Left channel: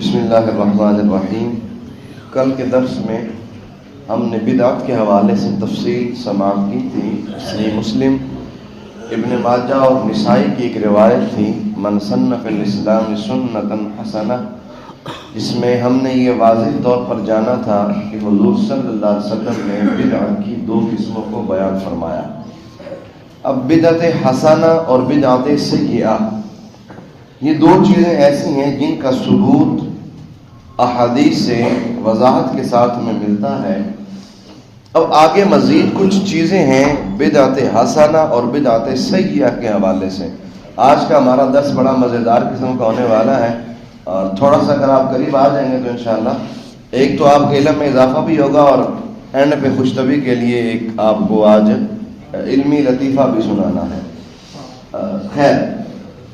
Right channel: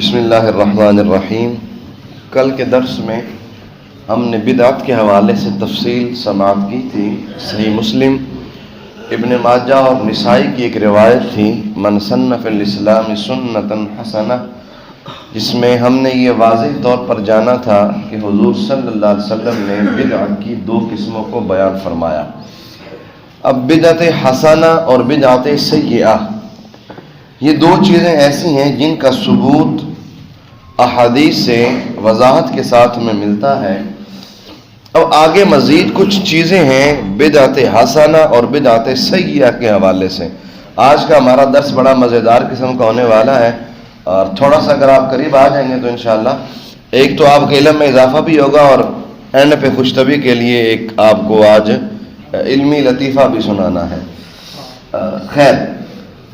بسم اللہ الرحمن الرحیم۔ کل کے درس میں ہم نے بدعت کے حوالے سے تفصیل سماعت کی تھی۔ صحیح مسلم، ابن ماجہ اور نسائی کی ایک روایت تھی، من سن فی الاسلام سنۃ حسنہ، جس میں ہم نے یہ واضح طور پر جانا تھا کہ حضور صلی اللہ علیہ وسلم نے بدعت کی دو قسموں کو بیان فرمایا۔ اب بدعت حسنہ اور بدعت سیئہ، یہ دو چیزیں ایسی ہیں جن کا ثبوت احادیث سے وضاحت کے ساتھ میں ملتا ہے۔ اب آگے مزید کچھ چیزیں ہیں بدعت حسنہ اور بدعت سیئہ کے حوالے سے۔ آج کا ہمارا درس بڑا مزیدار قسم کا ہونے والا ہے، اور تھوڑا سا اگر آپ قریب آ جائیں گے تو انشاءاللہ ایک تو آپ کے علم میں اضافہ بھی ہوگا، اور اینڈ پہ خوش طبی کے لیے ایک آپ کو آج علمی لطیفہ بھی سنانا ہے۔ خیر،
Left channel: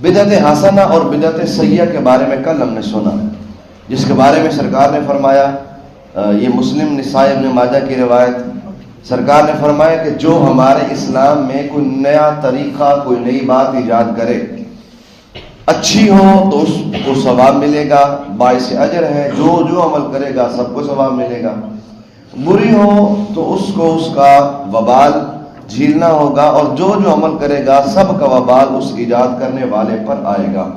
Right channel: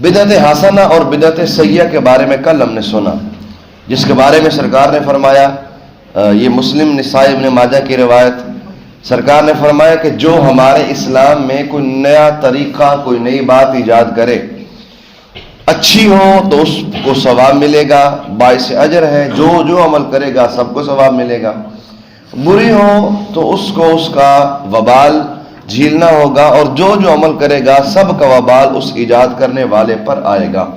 بدعت حسنہ اور بدعت سیئہ کے بارے میں کل ہم نے سنا، جس کے بارے میں سرکار نے فرمایا، یہ مسلم نسائی ابن ماجہ کی روایت، سرکار نے فرمایا کہ جو ہمارے اسلام میں کوئی نیا طریقہ، کوئی نئی بات ایجاد کرے، اچھی ہو تو اس کو ثواب ملے گا، باعث اجر ہے، جو عمل کرے گا سب کو ثواب ملے گا، بری ہو تو اس کو اس کا وبال جھیلنا ہوگا، اور جو عمل کرے گا سب کا وبال اس ایجاد کرنے والے پر آئے گا۔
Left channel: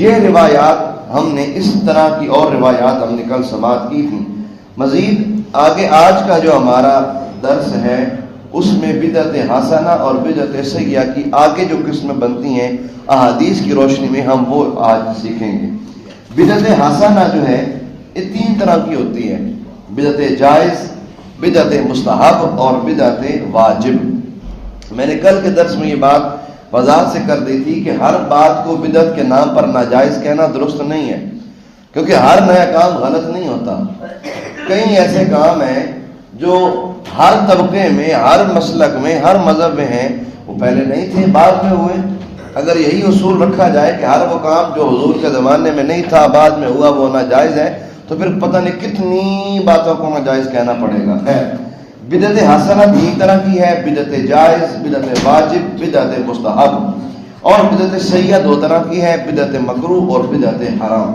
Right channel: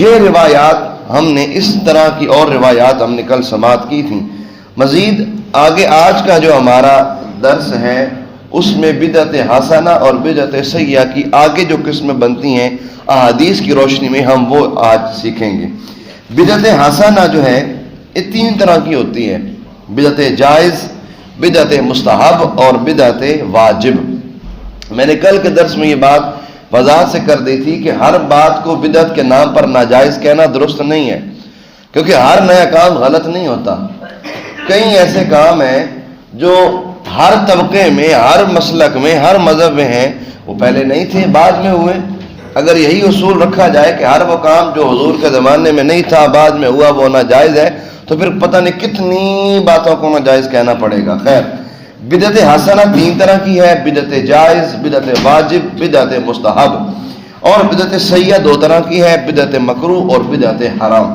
یہ روایات ہم نے اس طرح کی اور روایات ہم نے کل سماعت کی تھی۔ مزید آگے آج کا جو ہمارا درس ہے اس میں بدعت حسنہ اور بدعت سیئہ کی آگے جو قسمیں بنتی ہیں احادیث کی روشنی میں ہم وہ آج سیکھیں گے۔ بدعت حسنہ جو ہے یہ تین طرح کی ہوتی ہے، بدعت جائز، بدعت مستحب اور بدعت واجب۔ میں نے کل کے درس میں یہ بات وضاحت سے کر دی تھی کہ ہر بات کو بدعت کے نام پر ناجائز کہنا درست نہیں ہے، کیونکہ ہر نیا کام غلط نہیں ہوتا۔ کئی ایسے کام ہیں جو ہر طبقے میں، ہر مسلک میں، ہر مذہب میں ہیں، وہ پہلے نہیں تھے، بعد میں ہوئے۔ اگر یہی اصول رکھا جائے کہ ہر وہ کام جو حضور کے زمانے میں نہیں تھا بعد میں ہوا وہ ناجائز ہے، تو پھر پتہ نہیں کتنی باتوں کو ناجائز کہنا پڑے گا۔ خیر، بدعت حسنہ تین طرح کی ہے، بدعت جائز، بدعت واجب، بدعت مستحب، اور بدعت سیئہ دو طرح کی ہے، بدعت مکروہ اور بدعت حرام۔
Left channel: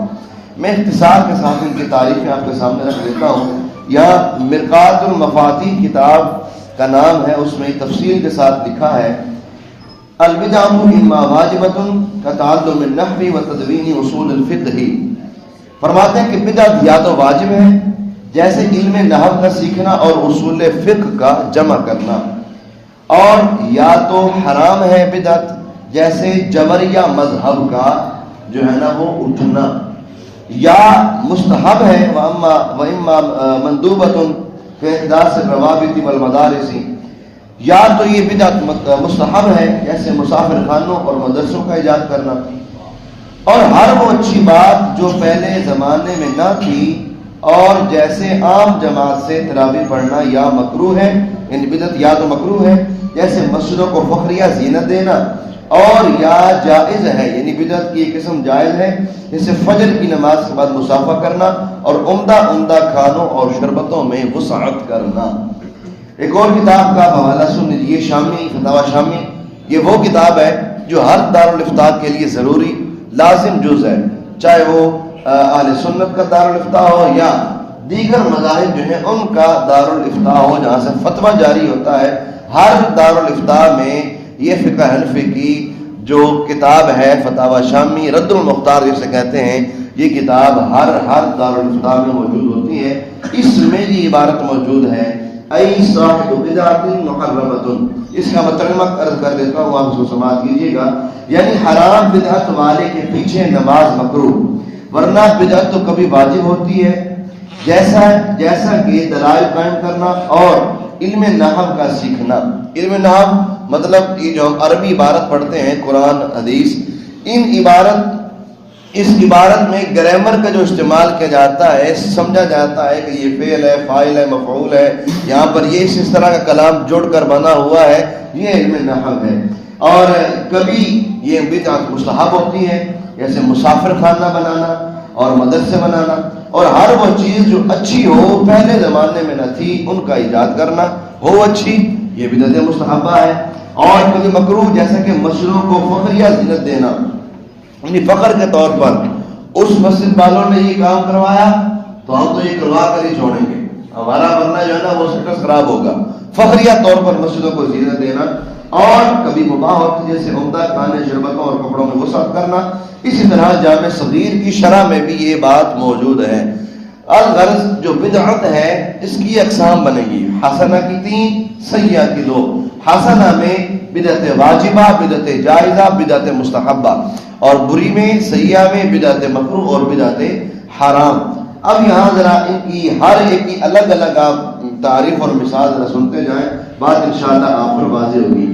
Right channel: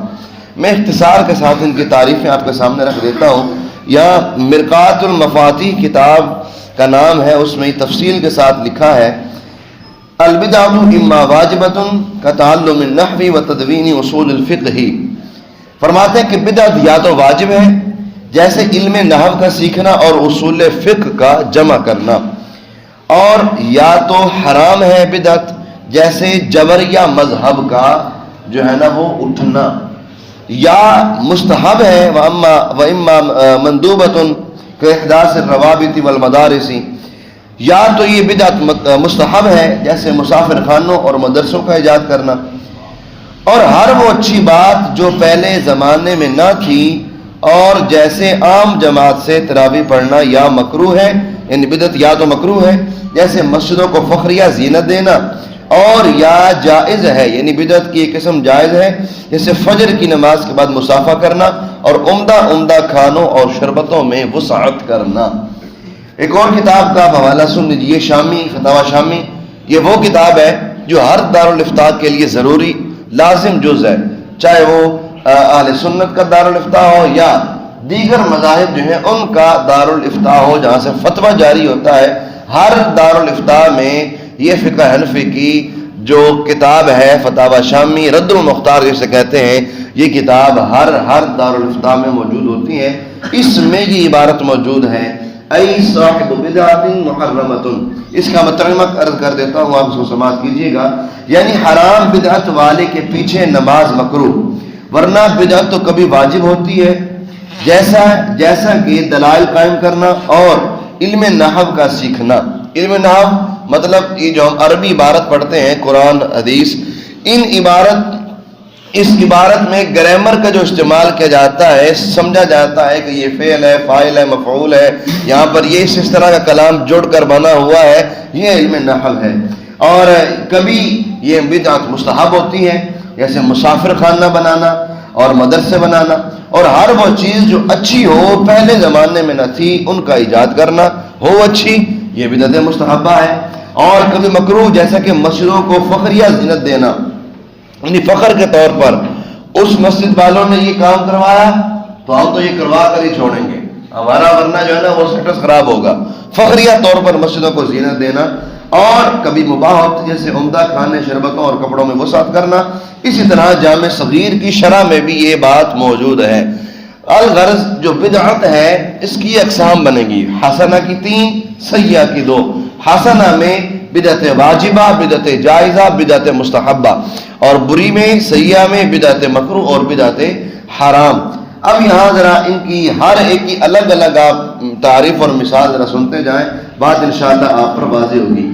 میں اختصار کے ساتھ ان کی تعریفیں آپ کے سامنے رکھ دیتا ہوں۔ یہاں مرقات المفاتیح کتاب کا نام ہے، اس میں تفصیل کے ساتھ لکھا ہے، البدعۃ اما واجبۃ کتعلم النحو وتدوین اصول الفقہ۔ فرماتے ہیں کہ بدعت یا تو واجب ہے، جیسے علم نحو کا سیکھنا اور اصول فقہ کا جمع کرنا، اور یا تو حرام ہے بدعت، جیسے جبریہ مذہب کا جو ہے نا وہ اٹھنا، یا مستحب ہے وَإِمَّا مَنْدُوبَةٌ كَإِحْدَاثِ الرَّوَابِطِ وَالْمَدَارِسِ، یا تو یہ بدعت مستحب ہے جیسے مسافر خانوں اور مدرسوں کا ایجاد کرنا، اور ہر وہ اچھی بات جو پہلے زمانے میں نہ تھی، اور جیسے عام جماعت سے تراویح پڑھنا یا مکروہ ہے، یعنی بدعت یا تو مکروہ ہے جیسے مسجدوں کو فخریہ زینت دینا، اور یا جائز ہے، یعنی بدعت کی ایک قسم جائز ہے جیسے فجر کی نماز کے بعد مسافہ کرنا اور عمدہ کھانوں اور شربتوں میں وسعت کرنا۔ ایک اور کتاب کا حوالہ سن لیجیے، شامی فتاوی شامی، یہ وہ کتاب ہے جو ہر دارالافتاء کے لیے ضروری لازم جز ہے، چاہے وہ اہل سنت کا دارالافتاء ہو یا دیگر مذاہب جو ہیں ان کا دارالافتاء ہو جہاں سے فتویٰ جاری ہوتا ہے۔ ہر دارالافتاء میں یہ فقہ حنفی کی جو کتاب ہے فتاوی شامی رد المختار جسے کہتے ہیں، یہ کتاب ہر دارالافتاء میں موجود ہوتی ہے۔ اس میں یہ عبارت موجود ہے، ای صاحب بدعۃ محرمۃ، اس کا ترجمہ عرض کر دیتا ہوں، آپ اس کو سماعت کیجیے گا، یعنی حرام بدعت والے کے پیچھے نماز مکروہ، ورنہ بدعت تو کبھی واجب ہوتی ہے، جیسا کہ دلائل قائم کرنا اور علم نحو کا سیکھنا۔ علم نحو مطلب یہ جو ہم عربی عبارت پڑھتے ہیں، قرآن حدیث، اس عبارت میں گرامر کا جو استعمال کیا جاتا ہے، سمجھا جاتا ہے کہ یہ فعل ہے، فاعل ہے، مفعول ہے، یہاں پر یہ اس طرح کا کلام جڑ کر بنا ہوا ہے، یہ علم نحو ہے۔ اور کبھی یہ بدعت مستحب ہوتی ہے، جیسے مسافر خانہ بنانا اور مدرسے بنانا، اور ہر وہ چیز جو اچھی ہو پہلے زمانے میں نہ تھی ان کا ایجاد کرنا، ہو اچھی، یہ بدعت مستحبہ ہے۔ اور کبھی مکروہ، جیسا کہ مسجدوں کو فخریہ زینت دینا، یعنی فخر کے طور پر اس مسجد والوں نے یہ کام کروایا تو ہم تو یہ کروا کر ہی چھوڑیں گے، ہمارا ورنہ جو ہے نا وہ سٹس خراب ہوگا۔ فخریہ طور پر مسجدوں کو زینت دینا، اور کبھی مباح وقت جیسے عمدہ کھانے شربتوں اور کپڑوں میں وسعت کرنا، اسی طرح جامع صغیر کی شرح میں بھی یہ بات موجود ہے۔ الغرض جو بدعت ہے اس کی اقسام بنے گی، حسنہ کی 3، سیئہ کی 2۔ حسنہ میں بدعت واجبہ، بدعت جائزہ، بدعت مستحبہ، اور بری میں سیئہ میں بدعت مکروہ اور بدعت حرام۔ اب یہاں ذرا ان کی ہر ایک کی الگ الگ آپ تعریف اور مثال ذرا سنتے جائیں، بات انشاءاللہ آپ پر واضح ہوگی۔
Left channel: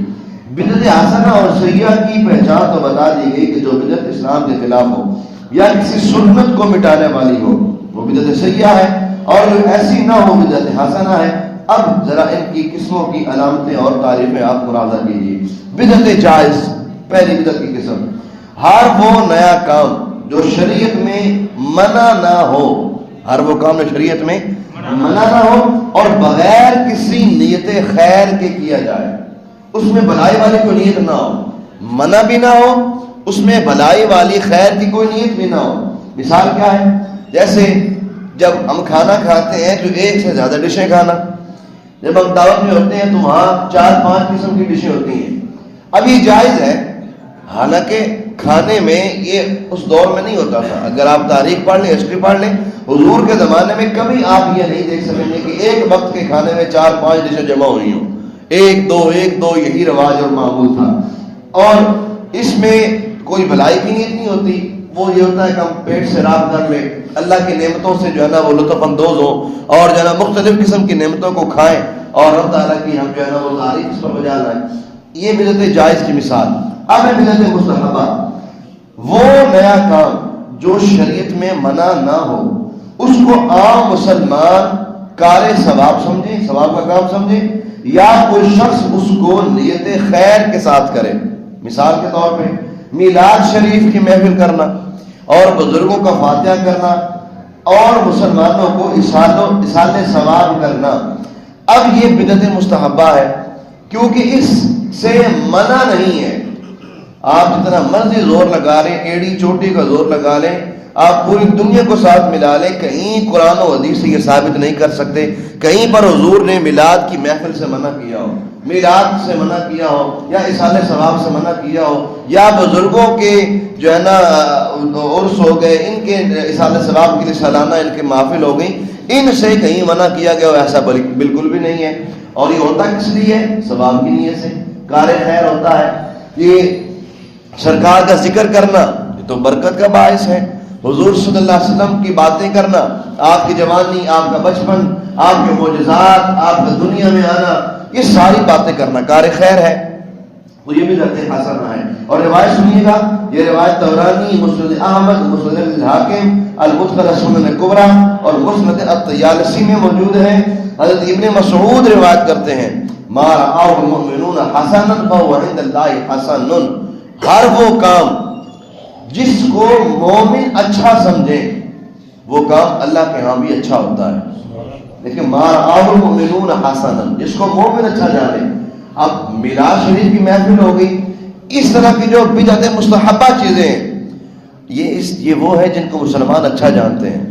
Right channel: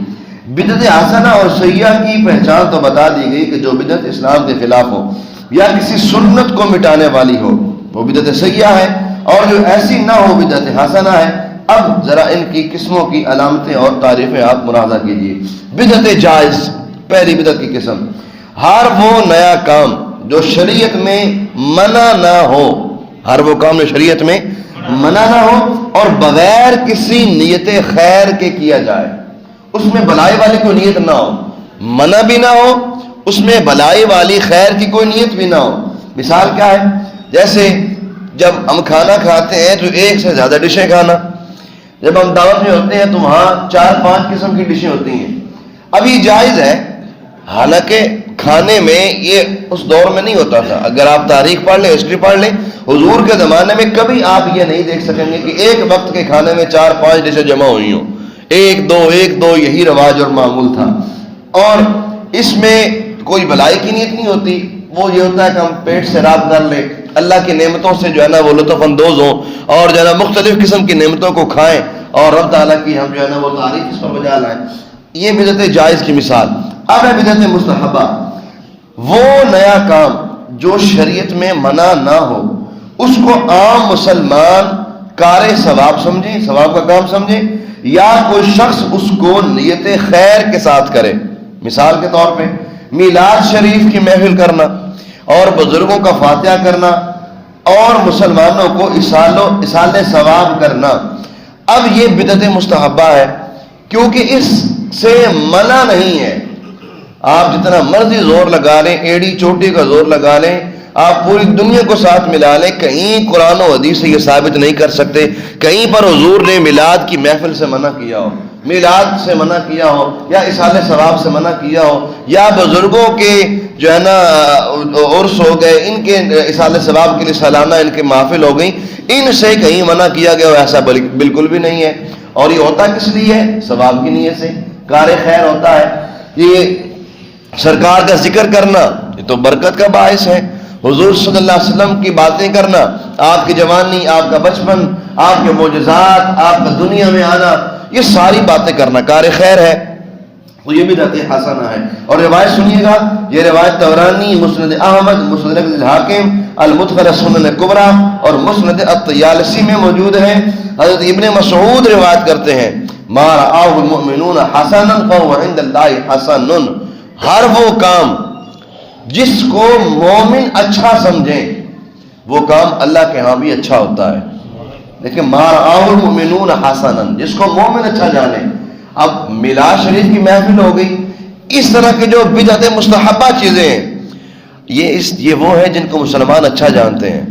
بدعت حسنہ اور سیئہ کی پہچان تو بتا دی گئی کہ جو بدعت اسلام کے خلاف ہو یا کسی سنت کو مٹانے والی ہو وہ بدعت سیئہ ہے، اور جو ایسی نہ ہو بدعت حسنہ ہے۔ اب ذرا ان کی قسموں کی علامتیں اور تعریفیں آپ ملاحظہ کیجیے۔ بدعت جائز، پہلی بدعت کی قسم، ہر وہ نیا کام جو شریعت میں منع نہ ہو، ہر وہ کام جو شریعت میں منع نہ ہو اور بغیر کسی نیت خیر کے کیا جائے، اس میں بلائی والی کوئی نیت نہ ہو، منع بھی نہ ہو، اس میں بلائی والی خیر کی کوئی نیت بھی نہ ہو۔ مثال کیا ہے؟ جیسے جب ہم کھانا کھاتے ہیں تو ایک سے زیادہ ڈشیں کھانا، جب ہم دعوت میں ہوتے ہیں تو وہاں 4-5 قسم کی ڈشیں ہوتی ہیں۔ اب یہ جائز ہے، حالانکہ کھانے میں یہ اس دور میں نہیں ہوتا تھا۔ اگر آپ تاریخ پڑھ لیں، ہسٹری پڑھ لیں، حضور کے زمانے میں کبھی آپ یہ نہیں دیکھ سکیں گے کہ ایک وقت کے کھانے میں 4-5 ڈشیں جمع ہوئی ہوں، ایک دو یہی رواج اور معمول تھا۔ اور اس میں کوئی بلائی کی نیت نہیں ہوتی، وہ یہ ہوتا ہے کہ ہم پیٹ سے راب کر لیں، اللہ کی نعمتوں سے جو ہے نا وہ لطف اندوز ہوں، اور جو ہے نا مختلف قسم کی نعمتوں کو کھائیں، اور رب تعالیٰ کی ہم جو ہے نا وہ تعریف اس پر بجا لائیں۔ یہ بدعت جائز کی مثال۔ اب ہے بدعت مستحبہ، وہ نیا کام جو شریعت میں منع نہ ہو، اس کو عام مسلمان کار ثواب سمجھے، ثواب کا کام سمجھے، یا کوئی شخص اس کو نیت خیر کے ساتھ کرے۔ مثال کے طور پہ میلاد شریف کی محفل کرنا، اور بزرگوں کا فاتحہ کرنا، اور مسلمانوں کو اصال ثواب کرنا۔ اب یہ بدعت مستحبہ ہے کیونکہ اس سے منع نہیں ہے۔ آپ جتنا مرضی زور لگا لیں، ایڑی چوٹی کا زور لگا لیں، آپ پوری دنیا کو ساتھ ملا لیں، کہیں قرآن و حدیث سے یہ ثابت نہیں کر سکتے کہیں پر حضور نے میلاد کی محفل سے منع کیا ہو، میلاد سے منع کیا ہو، یا اصال ثواب سے منع کیا ہو، یا بزرگوں کے جو ہے نا عرس ہو گئے، ان کے اصال ثواب کے لیے سالانہ ان کے محفل ہو گئی، ان سے کہیں منع کیا گیا ہو، ایسا بالکل بھی نہیں ہے۔ اور یہ ہوتا کس لیے؟ ثواب کی نیت سے، کار خیر ہوتا ہے۔ یہ سرکار کا ذکر کرنا یہ تو برکت کا باعث ہے، حضور صلی اللہ علیہ وسلم کی باتیں کرنا، آپ کی جوانی، آپ کا بچپن، آپ کے معجزات، آپ کا دنیا میں آنا، یہ ساری باتیں کرنا کار خیر ہے، تو یہ بھی بدعت حسنہ ہے۔ اور روایت سنیے گا، یہ روایت طبرانی، مسند احمد، مسند الحاکم، المدخل السنن الکبریٰ اور مسند الطیالسی میں موجود ہے۔ حضرت ابن مسعود روایت کرتے ہیں، ما رآہ المؤمنون حسنا فهو عند اللہ حسن، ہر وہ کام جس کو مومن اچھا سمجھے وہ کام اللہ کے ہاں بھی اچھا ہوتا ہے۔ لیکن ما رآہ المؤمنون حسنا، جس کو مومن اچھا جانے۔ اب میلاد شریف کی محفل ہو گئی، اس طرح کی جو بدعت مستحبہ چیزیں ہیں، یہ وہ ہے جن کو مسلمان اچھا جانتے ہیں،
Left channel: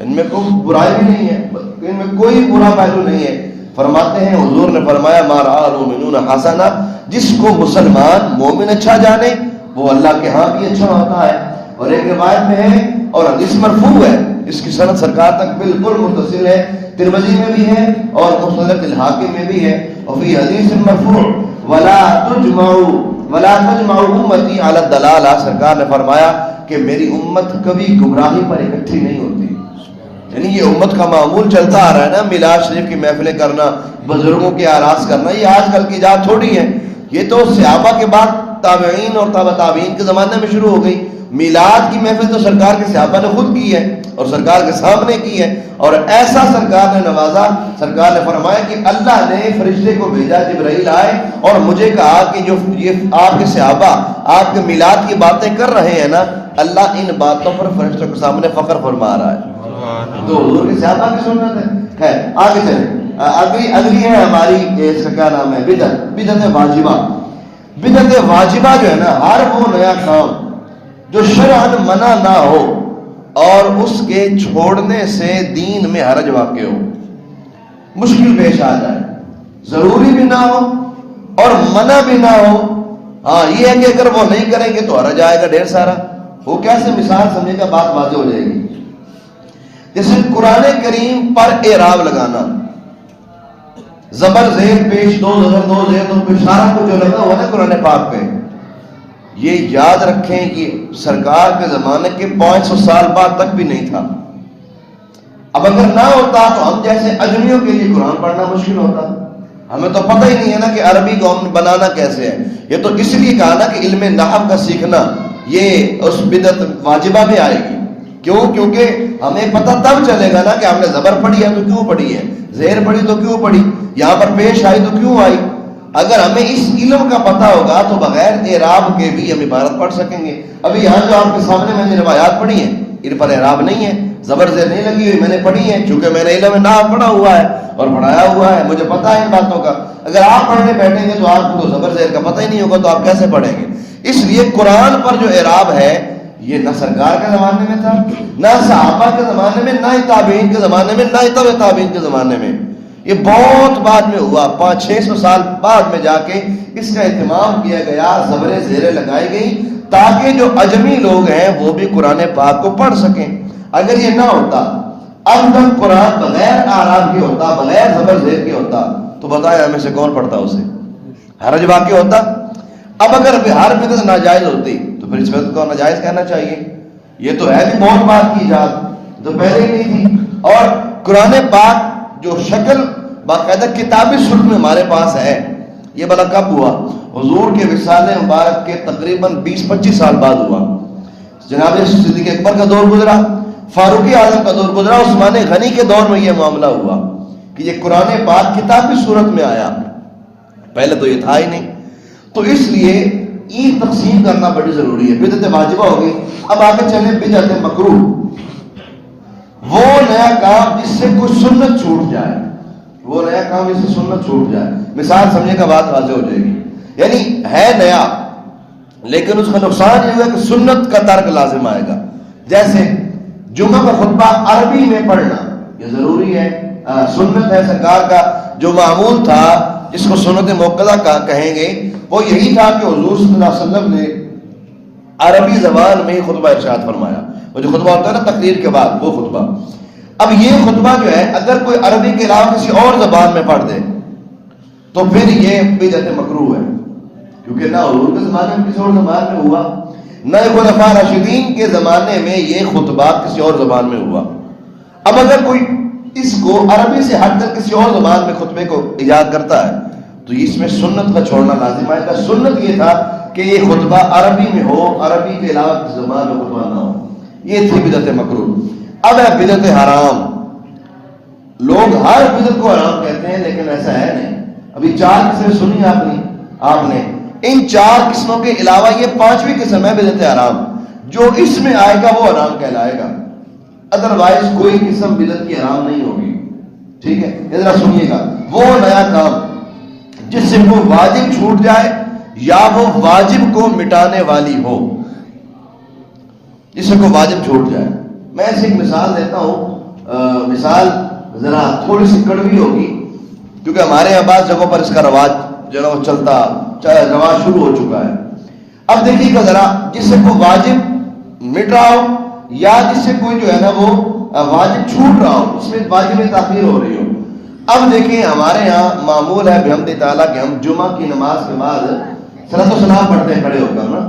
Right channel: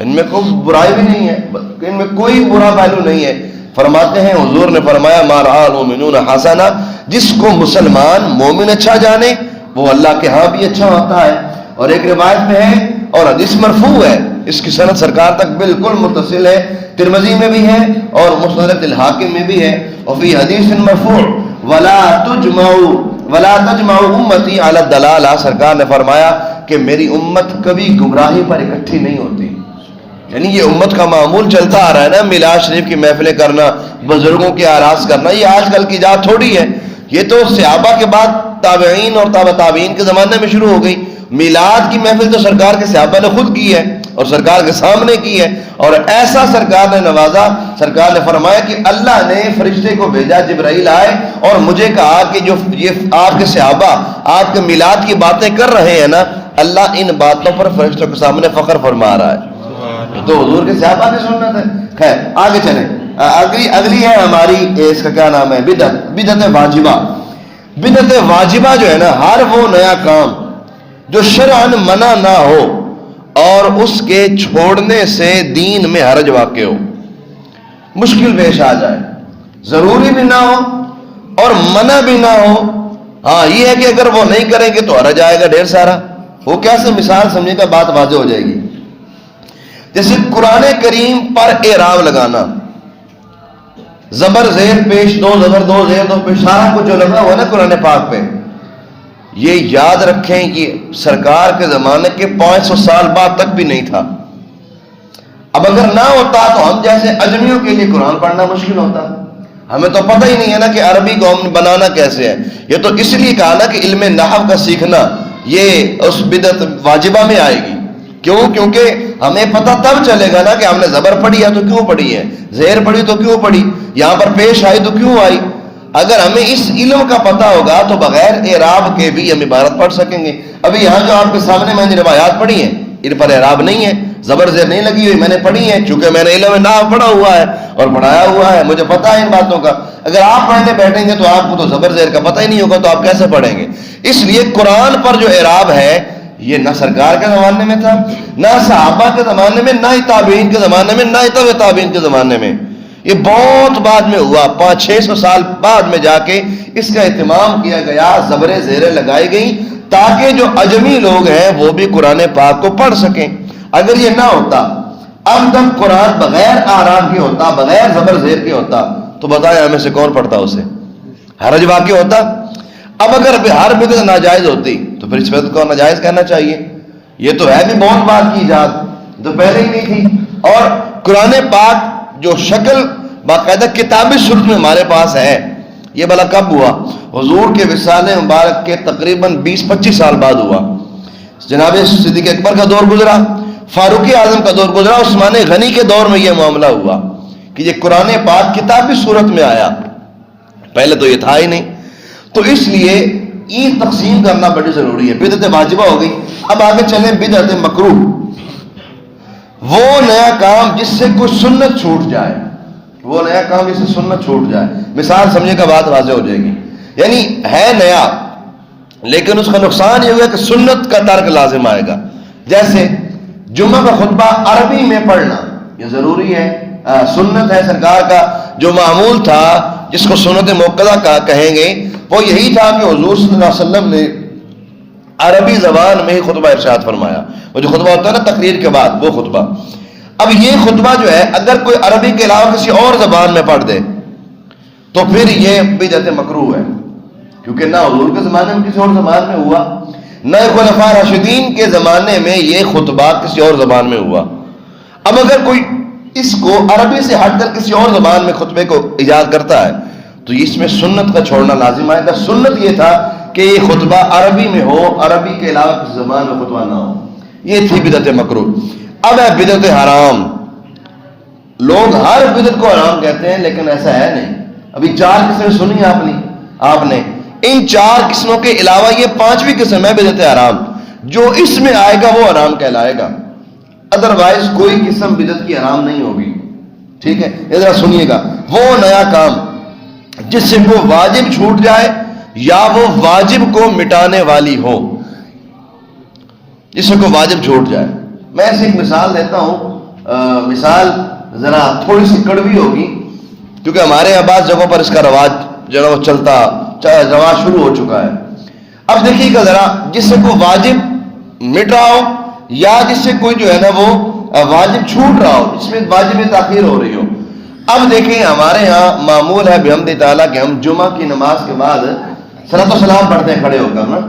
ان میں کوئی برائی بھی نہیں ہے، ان میں کوئی برا پہلو نہیں ہے۔ فرماتے ہیں، حضور نے فرمایا ما رآہ المؤمنون حسنا، جس کو مسلمان مومن اچھا جانے وہ اللہ کے ہاں بھی اچھا ہوتا ہے۔ اور ایک روایت میں ہے اور حدیث مرفوع ہے، اس کی سند سرکار تک بالکل متصل ہے، ترمذی میں بھی ہے اور مسند الحاکم میں بھی ہے۔ اور فی حدیث مرفوع ولا تجمع امتی علی الضلالہ، سرکار نے فرمایا کہ میری امت کبھی گمراہی پر اکٹھی نہیں ہوتی۔ یعنی یہ امت کا معمول چلتا آ رہا ہے نا، میلاد شریف کی محفلیں کرنا، بزرگوں کے آراز کرنا، یہ آج کل کی ایجاد تھوڑی ہے، یہ تو صحابہ کے بعد تابعین اور تابع تابعین کے زمانے میں شروع ہو گئی۔ میلاد کی محفل تو سرکار کے صحابہ نے خود کی ہے اور سرکار کے سامنے کی ہے، اور ایسا سرکار نے نوازا، سرکار نے فرمایا کہ اللہ نے فرشتے کو بھیجا، جبرائیل آئے اور مجھے کہا کہ جو یہ آپ کے صحابہ آپ کے میلاد کی باتیں کر رہے ہیں نا، اللہ ان باتوں پر فرشتوں کے سامنے فخر فرما رہا ہے۔ تو حضور کے صحابہ نے سنت ہے۔ خیر آگے چلیں، اگلی ہے ہماری، اس کا کیا نام ہے؟ بدعت واجبہ۔ بدعت واجبہ جو ہے نا، ہر وہ نیا کام جو شرعاً منع نہ ہو اور اس کے چھوڑنے سے دین میں حرج واقع ہو، مشکل پیش آ جائے، ضروری بھی نہ ہو اور منع بھی نہ ہو. ہاں یہ ہے کہ اگر وہ نہیں کریں گے تو حرج آئے گا ڈھیر سارا. وہ کیسے مثال سمجھے گا، بات واضح ہو جائے گی. جیسے قرآن کریم پر اعراب لگانا، زبر زیر پیش دو، زبر دو زیر دو پیش، سارا کچھ جو لگا ہوا نا قرآن پاک پہ، یہ یاد رکھیں کہ سرکار کے زمانے کے 500 سال بعد تک بھی نہیں تھا. اب اگر نہ ہوتا تو ہم جیسے اجمیوں کے لیے قرآن پڑھنا مشکل ہوتا. ہمیں تو پتہ ہی نہیں ہے نا کہ عربی کو ہم بنانا کیسے ہے. یہ تو اس لیے کہا نا کہ علم نحو کا سیکھنا یہ اس بدعت واجبہ میں آئے گی. کیوں؟ کیونکہ ہمیں پتہ تب چلے گا نا کہ ہم نے زبر پڑھی ہے تو کیوں پڑھی ہے، زیر پڑھی تو کیوں پڑھی، یہاں پر پیش آئی تو کیوں آئی. اگر ہمیں اس علم کا پتہ ہوگا تو بغیر اعراب کے بھی ہم عبارت پڑھ سکیں گے. ابھی یہاں جو آپ کے سامنے میں نے روایات پڑھی ہیں ان پر اعراب نہیں ہے، زبر زیر نہیں لگی ہوئی، میں نے پڑھی ہے چونکہ میں نے علم نحو پڑھا ہوا ہے اور پڑھایا ہوا ہے، مجھے پتہ ہے ان باتوں کا. اگر آپ پڑھنے بیٹھیں گے تو آپ کو تو زبر زیر کا پتہ ہی نہیں ہوگا تو آپ کیسے پڑھیں گے. اس لیے قرآن پر جو اعراب ہے یہ نہ سرکار کے زمانے میں تھا، نہ صحابہ کے زمانے میں، نہ ہی تابعین کے زمانے میں، نہ ہی تبع تابعین کے زمانے میں. یہ بہت بعد میں ہوا، 500-600 سال بعد میں جا کے اس کا اہتمام کیا گیا، زبریں زیریں لگائی گئی تاکہ جو اجمی لوگ ہیں وہ بھی قرآن پاک کو پڑھ سکیں. اگر یہ نہ ہوتا، اب تک قرآن بغیر آرام کے ہوتا، بغیر زبر زیر کے ہوتا تو بتائیں ہمیں سے کون پڑھتا اسے، حرج واقع ہوتا. اب اگر ہر بدعت ناجائز ہوتی تو پھر اس بدعت کو ناجائز کہنا چاہیے. یہ تو ہے بھی بہت بات کی ایجاد، تو پہلے ہی نہیں تھی. اور قرآن پاک جو شکل باقاعدہ کتابی صورت میں ہمارے پاس ہے، یہ بلا کب ہوا؟ حضور کے وصال مبارک کے تقریباً 20-25 سال بعد ہوا. جناب صدیق اکبر کا دور گزرا، فاروق اعظم کا دور گزرا، عثمان غنی کے دور میں یہ معاملہ ہوا کہ یہ قرآن پاک کتابی صورت میں آیا. پہلے تو یہ تھا ہی نہیں. تو اس لیے عید تقسیم کرنا بڑی ضروری ہے. بدعت واجبہ ہو گئی. اب آگے چلیں بدعت مکروہ، وہ نیا کام جس سے کوئی سنت چھوٹ جائے، وہ نیا کام جس سے سنت چھوٹ جائے. مثال سمجھے کا بات واضح ہو جائے گی. یعنی ہے نیا لیکن اس کا نقصان یہ ہوا کہ سنت کا ترک لازم آئے گا. جیسے جمعہ کا خطبہ عربی میں پڑھنا یہ ضروری ہے، سنت ہے. سرکار کا جو معمول تھا جس کو سنت موقدہ کا کہیں گے وہ یہی تھا کہ حضور صلی اللہ علیہ وسلم نے عربی زبان میں ہی خطبہ ارشاد فرمایا. وہ جو خطبہ ہوتا ہے نا تقریر کے بعد وہ خطبہ. اب یہ خطبہ جو ہے اگر کوئی عربی کے علاوہ کسی اور زبان میں پڑھ دے تو پھر یہ بدعت مکروہ ہے، کیونکہ نہ حضور کے زمانے میں کسی اور زبان میں ہوا، نہ خلفاء راشدین کے زمانے میں یہ خطبہ کسی اور زبان میں ہوا. اب اگر کوئی اس کو عربی سے ہٹ کر کسی اور زبان میں خطبے کو ایجاد کرتا ہے تو اس میں سنت کا چھوڑنا لازم آئے گا. سنت یہ تھا کہ یہ خطبہ عربی میں ہو، عربی کے علاوہ کسی زبان میں خطبہ نہ ہو. یہ تھی بدعت مکروہ. اب ہے بدعت حرام. لوگ ہر بدعت کو حرام کہتے ہیں لیکن ایسا ہے نہیں. ابھی 4 قسمیں سنی آپ نے. ان 4 قسموں کے علاوہ یہ 5ویں قسم ہے بدعت حرام. جو اس میں آئے گا وہ حرام کہلائے گا، ادروائز کوئی قسم بدعت کی حرام نہیں ہوگی. ٹھیک ہے، ذرا سنیے گا. وہ نیا کام جس سے وہ واجب چھوٹ جائے یا وہ واجب کو مٹانے والی ہو، جس سے کوئی واجب چھوٹ جائے. میں ایسی ایک مثال دیتا ہوں. مثال ذرا تھوڑی سی کڑوی ہوگی کیونکہ ہمارے یہاں بعض جگہوں پر اس کا رواج جو ہے چلتا رواج شروع ہو چکا ہے. اب دیکھیے گا ذرا، جس سے کوئی واجب مٹ رہا ہو یا جس سے کوئی جو ہے نا وہ واجب چھوٹ رہا ہو، اس میں واجب میں تاخیر ہو رہی ہو. اب دیکھیں ہمارے ہاں معمول ہے بحمد تعالیٰ کہ ہم جمعہ کی نماز کے بعد صلاۃ و سلام پڑھتے ہیں کھڑے ہو کر نا.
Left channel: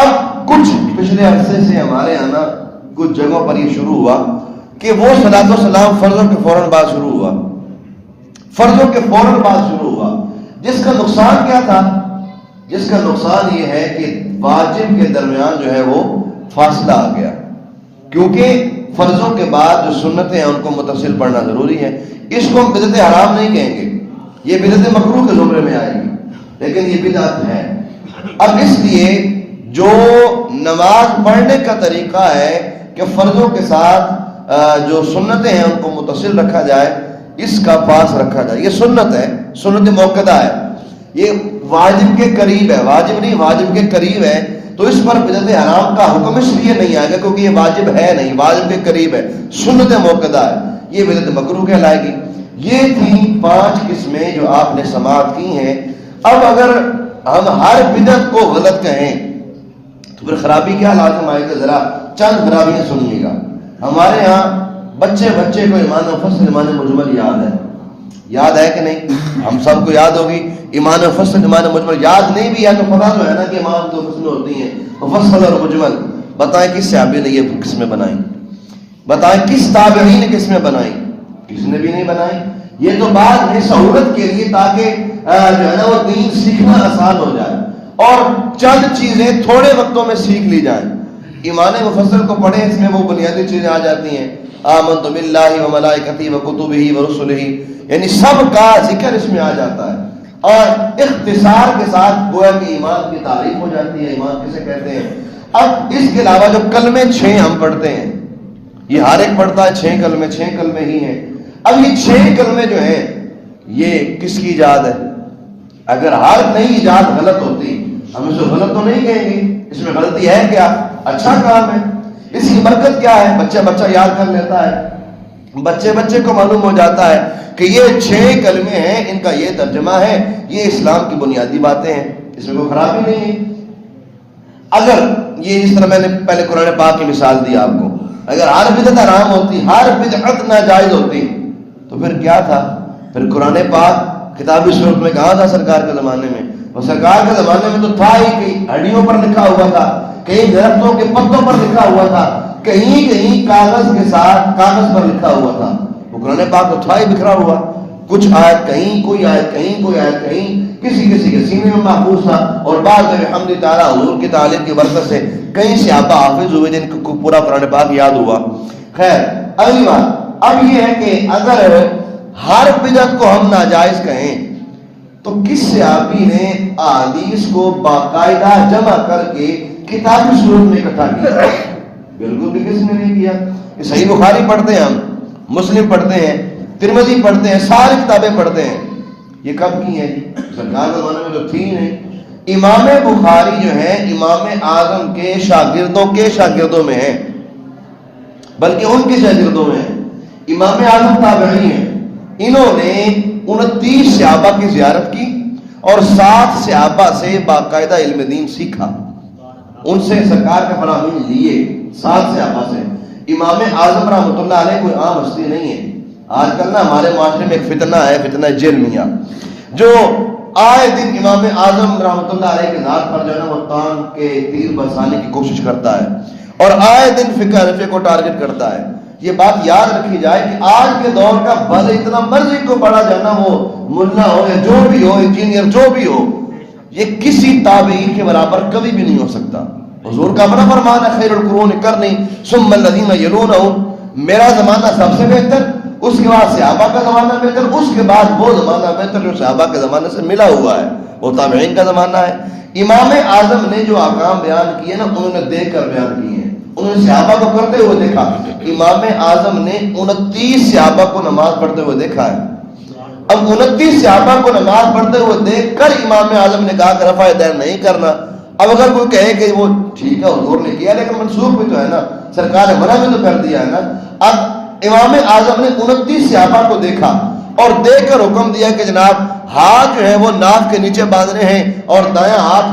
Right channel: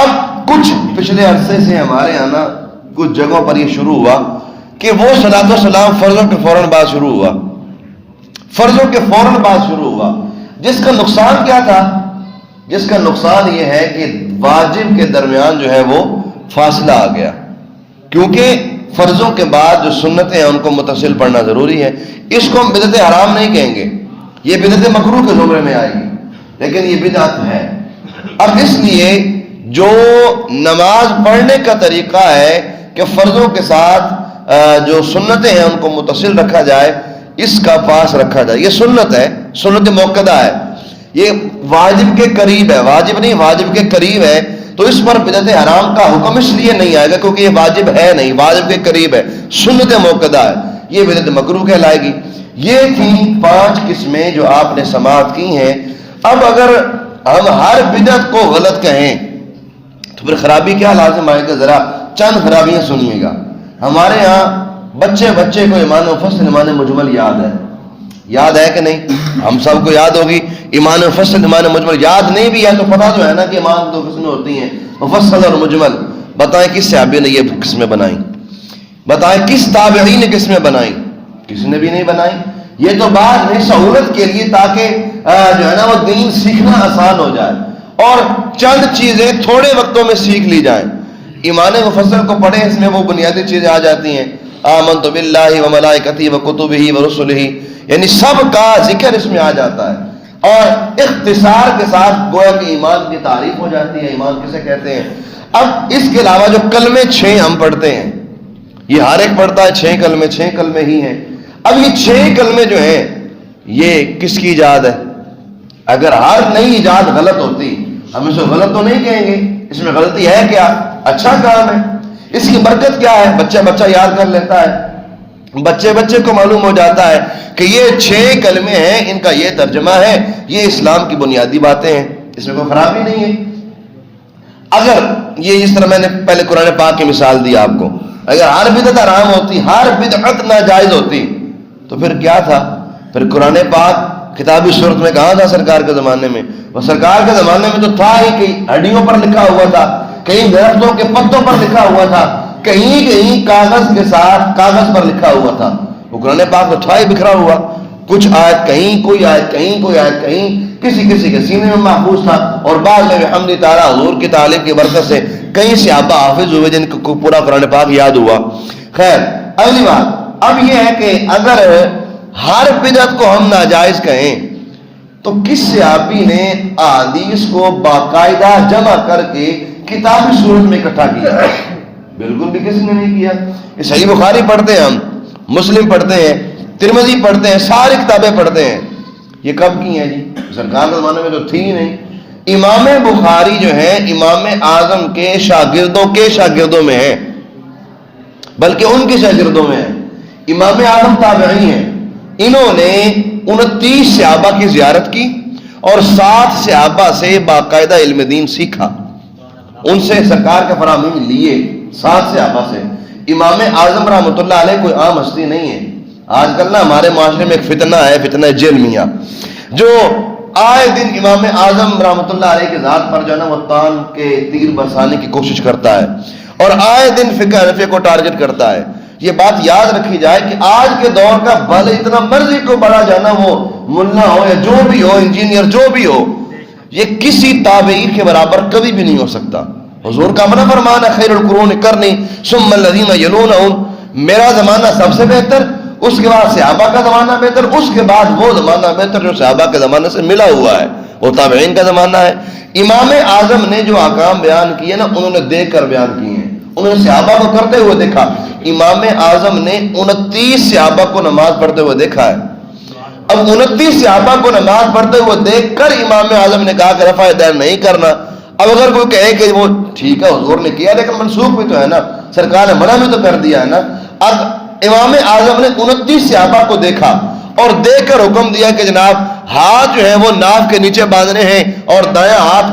اب کچھ پچھلے عرصے سے ہمارے یہاں نا کچھ جگہوں پر یہ شروع ہوا کہ وہ صلاۃ و سلام فرضوں کے فوراً بعد شروع ہوا، فرضوں کے فوراً بعد شروع ہوا. جس کا نقصان کیا تھا؟ جس کا نقصان یہ ہے کہ واجب کے درمیان جو ہے وہ فاصلہ آ گیا، کیونکہ فرضوں کے بعد جو سنتیں ہیں ان کو متصل پڑھنا ضروری ہے. اس کو ہم بدعت حرام نہیں کہیں گے، یہ بدعت مکروہ کے زمرے میں آئے گی، لیکن یہ بدعت ہے. اب اس لیے جو نماز پڑھنے کا طریقہ ہے کہ فرضوں کے ساتھ جو سنتیں ہیں ان کو متصل رکھا جائے، اس کا پاس رکھا جائے، یہ سنت ہے، سنت موقدہ ہے. یہ واجب کے قریب ہے، واجب نہیں واجب کے قریب ہے. تو اس پر بدعت حرام کا حکم اس لیے نہیں آئے گا کیونکہ یہ واجب ہے نہیں، واجب کے قریب ہے، سنت موقدہ ہے، یہ بدعت مکروہ کہلائے گی۔ یہ تھی 5 قسمیں جو آپ نے سماعت کی ہیں۔ اب اگر ہم ہر بدعت کو غلط کہیں تو پھر خرابی کیا لازم آئے گا؟ ذرا چند خرابیاں سنیے گا۔ ہمارے ہاں بچے کو ایمان مفصل ایمان مجمل یاد ہے کہ نہیں؟ ہم سب کو یاد ہوگی ایمان مفصل ایمان مجمل۔ یاد نہیں بھی ہے تو پتہ جو ہے نا کہ ایمان 2 قسمیں ہوتی ہیں، مفصل اور مجمل۔ بتائیں کس صحابی نے یہ قسمیں بنائی؟ بتائیں کس تابعی نے قسمیں بنائی؟ کسی نے بھی نہیں بنائی۔ یہ تو بعد میں سہولت کے لیے تاکہ جو ہے نا وہ دین سیکھنا آسان ہو جائے اور چند چیزیں تھوڑے وقتوں میں سیکھ لی جائیں۔ ایمان مفصل کو پڑھیں، اس میں وہ بنیادی چیزیں آ جاتی ہیں، آمنت باللہ و ملائکتہ و کتبہ و رسلہ، یعنی سب کا ذکر اس میں آ جاتا ہے اور اختصار کے ساتھ گویا کہ ایمان کی تعریف ہو جاتی ہے، ایمان کسے کہتے ہیں۔ اب اس کے علاوہ جو کلمے 6 ہم پڑھتے ہیں، یہ ہر ایک پڑھتا ہے 6 کلمے ہی ہیں۔ اب یہ 6 کلمے جو ہیں یہ کس کی ایجاد ہے؟ اگر ہر نئی ایجاد غلط ہوتی ہم اسے غلط تو نہیں کہیں گے، اس میں غلطی ہے کیا؟ اچھا کام ہے، اس کی برکت کیا ہے؟ بچہ یاد کر لیتا ہے، بچے کو معلوم ہو جاتا ہے کہ یہ 6 کلمے ہیں، ان کا یہ ترجمہ ہے، یہ اسلام کی بنیادی باتیں ہیں، اس میں کوئی خرابی نہیں ہے۔ اگر یہ جس طرح میں نے پہلے قرآن پاک کی مثال دی آپ کو، اگر ہر بدعت حرام ہوتی، ہر بدعت ناجائز ہوتی تو پھر کیا تھا؟ پھر قرآن پاک کتابی صورت میں کہاں تھا سرکار کے زمانے میں؟ وہ سرکار کے زمانے میں تو تھا ہی، کہیں ہڈیوں پر لکھا ہوا تھا، کہیں درختوں کے پتوں پر لکھا ہوا تھا، کہیں کاغذ کے ساتھ کاغذ پر لکھا ہوا تھا۔ وہ قرآن پاک تو تھا ہی بکھرا ہوا، کچھ آیت کہیں، کوئی آیت کہیں، کسی کے سینے میں محفوظ تھا، اور بعد میں بحمد تعالیٰ حضور کی تعلیم کی برکت سے کئی صحابہ حافظ ہوئے جن کو پورا قرآن پاک یاد ہوا۔ خیر، اگلی بات اب یہ ہے کہ اگر ہر بدعت کو ہم ناجائز کہیں تو کس صحابی نے احادیث کو باقاعدہ جمع کر کے کتابی صورت میں اکٹھا کیا؟ بالکل بھی کسی نے نہیں کیا۔ یہ صحیح بخاری پڑھتے ہیں، ہم مسلم پڑھتے ہیں، ترمذی پڑھتے ہیں، ساری کتابیں پڑھتے ہیں، یہ کب کی ہیں جی؟ سرکار کے زمانے میں تو تھی ہی نہیں۔ امام بخاری جو ہیں امام اعظم کے شاگردوں میں ہیں، بلکہ ان کے شاگردوں میں ہیں۔ امام اعظم تابعی ہیں، انہوں نے 29 صحابہ کی زیارت کی اور 7 صحابہ سے باقاعدہ علم دین سیکھا، ان سے سرکار کے فرامین لیے 7 صحابہ سے۔ امام اعظم رحمۃ اللہ علیہ کوئی عام ہستی نہیں ہے۔ آج کل نا ہمارے معاشرے میں ایک فتنہ ہے، فتنہ جرمیہ، جو آئے دن امام اعظم رحمۃ اللہ علیہ کے ذات پر جو ہے نا وہ تان کے تیر برسانے کی کوشش کرتا ہے اور آئے دن فقہ حنفی کو ٹارگٹ کرتا ہے۔ یہ بات یاد رکھی جائے کہ آج کے دور کا بھلے اتنا مرضی کو بڑا جانا وہ ملا ہو یا جو بھی ہو، انجینئر جو بھی ہو، یہ کسی تابعین کے برابر کبھی بھی نہیں ہو سکتا۔ حضور کا اپنا فرمان ہے، خیر القرون قرنی ثم الذین یلونہم، میرا زمانہ سب سے بہتر، اس کے بعد صحابہ کا زمانہ بہتر، اس کے بعد وہ زمانہ بہتر جو صحابہ کے زمانے سے ملا ہوا ہے، وہ تابعین کا زمانہ ہے۔ امام اعظم نے جو احکام بیان کیے نا انہوں نے دیکھ کر بیان کیے ہیں، انہوں نے صحابہ کو کرتے ہوئے دیکھا۔ امام اعظم نے 29 صحابہ کو نماز پڑھتے ہوئے دیکھا ہے۔ اب 29 صحابہ کو نماز پڑھتے ہوئے دیکھ کر امام اعظم نے کہا کہ رفع دین نہیں کرنا۔ اب اگر کوئی کہے کہ وہ ٹھیک ہے حضور نے کیا لیکن منسوخ بھی تو ہے نا، سرکار نے منع بھی تو کر دیا ہے نا۔ اب امام اعظم نے 29 صحابہ کو دیکھا اور دیکھ کر حکم دیا کہ جناب ہاتھ جو ہے وہ ناف کے نیچے باندھنے ہیں اور دایاں ہاتھ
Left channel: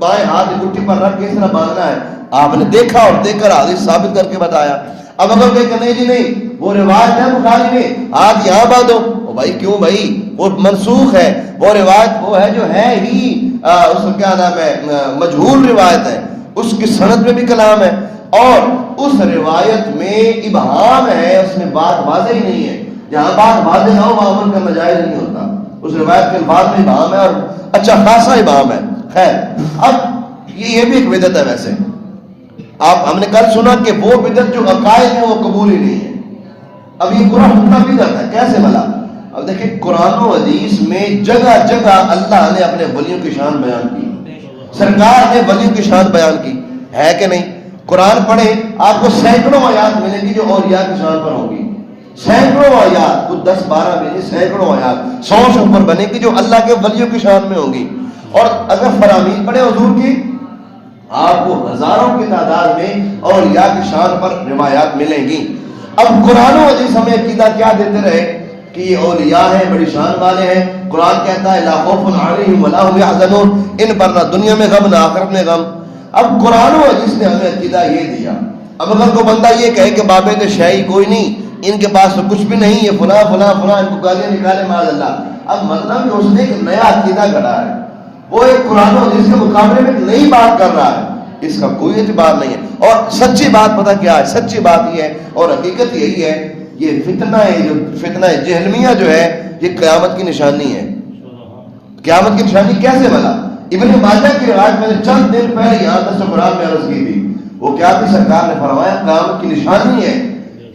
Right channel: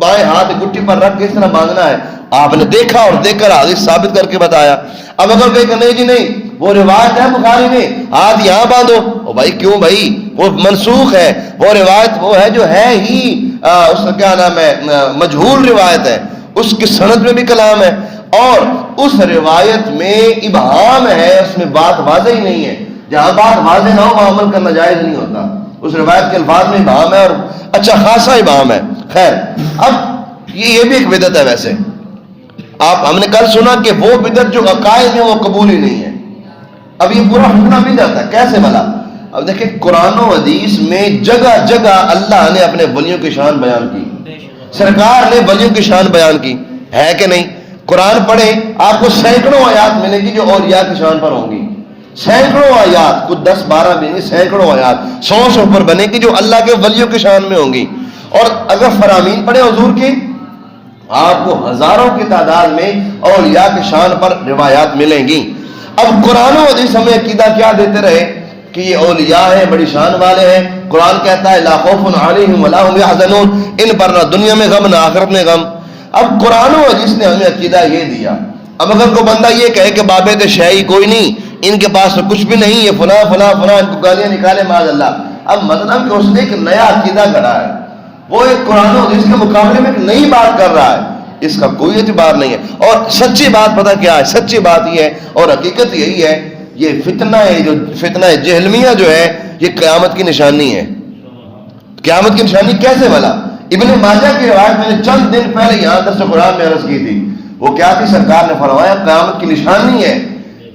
بائیں ہاتھ گٹھی پر رکھ کے اس طرح باندھنا ہے۔ آپ نے دیکھا اور دیکھ کر حدیث ثابت کر کے بتایا۔ اب اگر کوئی کہ نہیں جی نہیں وہ روایت ہے بخاری میں ہاتھ یہاں باندھو، او بھائی کیوں بھائی، وہ منسوخ ہے، وہ روایت وہ ہے جو ہے ہی اس کا کیا نام ہے مجہول روایت ہے، اس کی سند میں بھی کلام ہے اور اس روایت میں ابہام ہے، اس میں بات واضح ہی نہیں ہے۔ جہاں بات واضح نہ ہو وہاں عمل کرنا جائز نہیں ہوتا۔ اس روایت کے الفاظ میں ابہام ہے اور اچھا خاصا ابہام ہے۔ خیر، اب یہ بھی ایک بدعت ہے۔ ویسے ہم نے کل سنا کہ وہ بدعت جو عقائد ہیں وہ قبول ہی نہیں ہے۔ اب یہ پورا حکم بھی جاتا ہے کیسے بھلا؟ اب دیکھیں قرآن و حدیث میں جگہ جگہ اللہ نے اپنے ولیوں کی شان بیان کی، سرکار نے ولیوں کی شان بیان کی، ہے کہ نہیں؟ قرآن پڑھیں آپ کو سینکڑوں آیات ملے گی جو اولیاء کی شان پر ہوں گی، سینکڑوں آیات، کچھ 10-12 بھی سینکڑوں آیات 100 سے اوپر بنے گی جو اللہ کے ولیوں کی شان میں ہوں گی۔ اور اگر فرامین پڑھیں حضور کی آپ کو ہزاروں کی تعداد میں اولیاء کی شان پر روایات ملیں گی. اب قرآن و حدیث ہمیں عقیدہ کیا دیتے رہے کہ یہ اولیاء ہیں، بڑی شان والے ہیں. قرآن کہتا ہے لا خوف علیہم ولا هم یحزنون، ان پر نہ دنیا میں غم نہ آخرت میں غم. اب قرآن و حدیث نے ہمیں عقیدہ یہ دیا. اب اگر کوئی بندہ یہ کہے کہ بابے تو شاہی کوئی نہیں، ان کے پاس تو کچھ بھی نہیں ہے، فلاں فلاں فلاں، ان کو گالیاں نکالے معاذ اللہ، اب مطلب کہ اس نے ایک نیا عقیدہ گھڑا ہے، وہ ایک قرآن و حدیث کے مقابلے میں ایک نئی بات کر رہا ہے، اس کا کوئی اعتبار نہیں ہے. اور سچی بات پتہ کیا ہے؟ سچی بات یہ ہے اور حقیقت یہی ہے، یہ فتنہ ہے، جو فتنہ جہلمیہ جو ہے، یہ قیامت کی نشانی ہے. قیامت کی نشانی کیسے بھلا؟ ابن ماجہ کی روایت میں نے چند دن پہلے یہاں درس قرآن میں عرض کی تھی. وہ کیا تھی؟ سرکار نے فرمایا قیامت کی نشانی ہے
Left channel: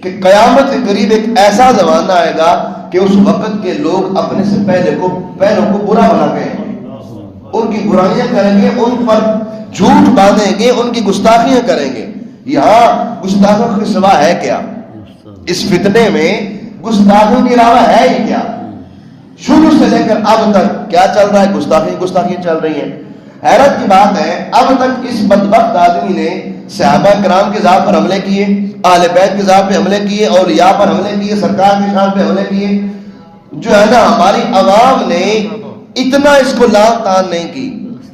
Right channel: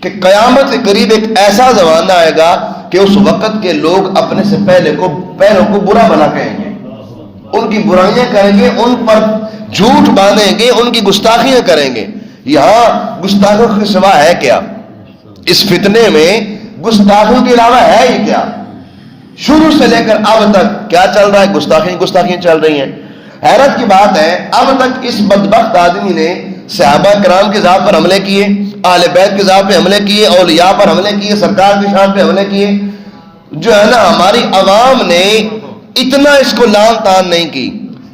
کہ قیامت کے قریب ایک ایسا زمانہ آئے گا کہ اس وقت کے لوگ اپنے سے پہلوں کو برا بھلا کہیں گے، ان کی برائیاں کریں گے، ان پر جھوٹ باندھیں گے، ان کی گستاخیاں کریں گے. یہاں گستاخوں کے سوا ہے کیا؟ اس فتنے میں گستاخوں کے علاوہ ہے ہی کیا؟ شروع سے لے کر اب تک کیا چل رہا ہے؟ گستاخیاں چل رہی ہیں. حیرت کی بات ہے، اب تک اس بدبخت آدمی نے صحابہ کرام کے ذات پر حملے کیے، اہل بیت کے ذات پہ حملے کیے، اولیاء پر حملے کیے، سرکار کی شان پہ حملے کیے. جو ہے نا ہماری عوام نے اتنا اس کو لان تان نہیں کی.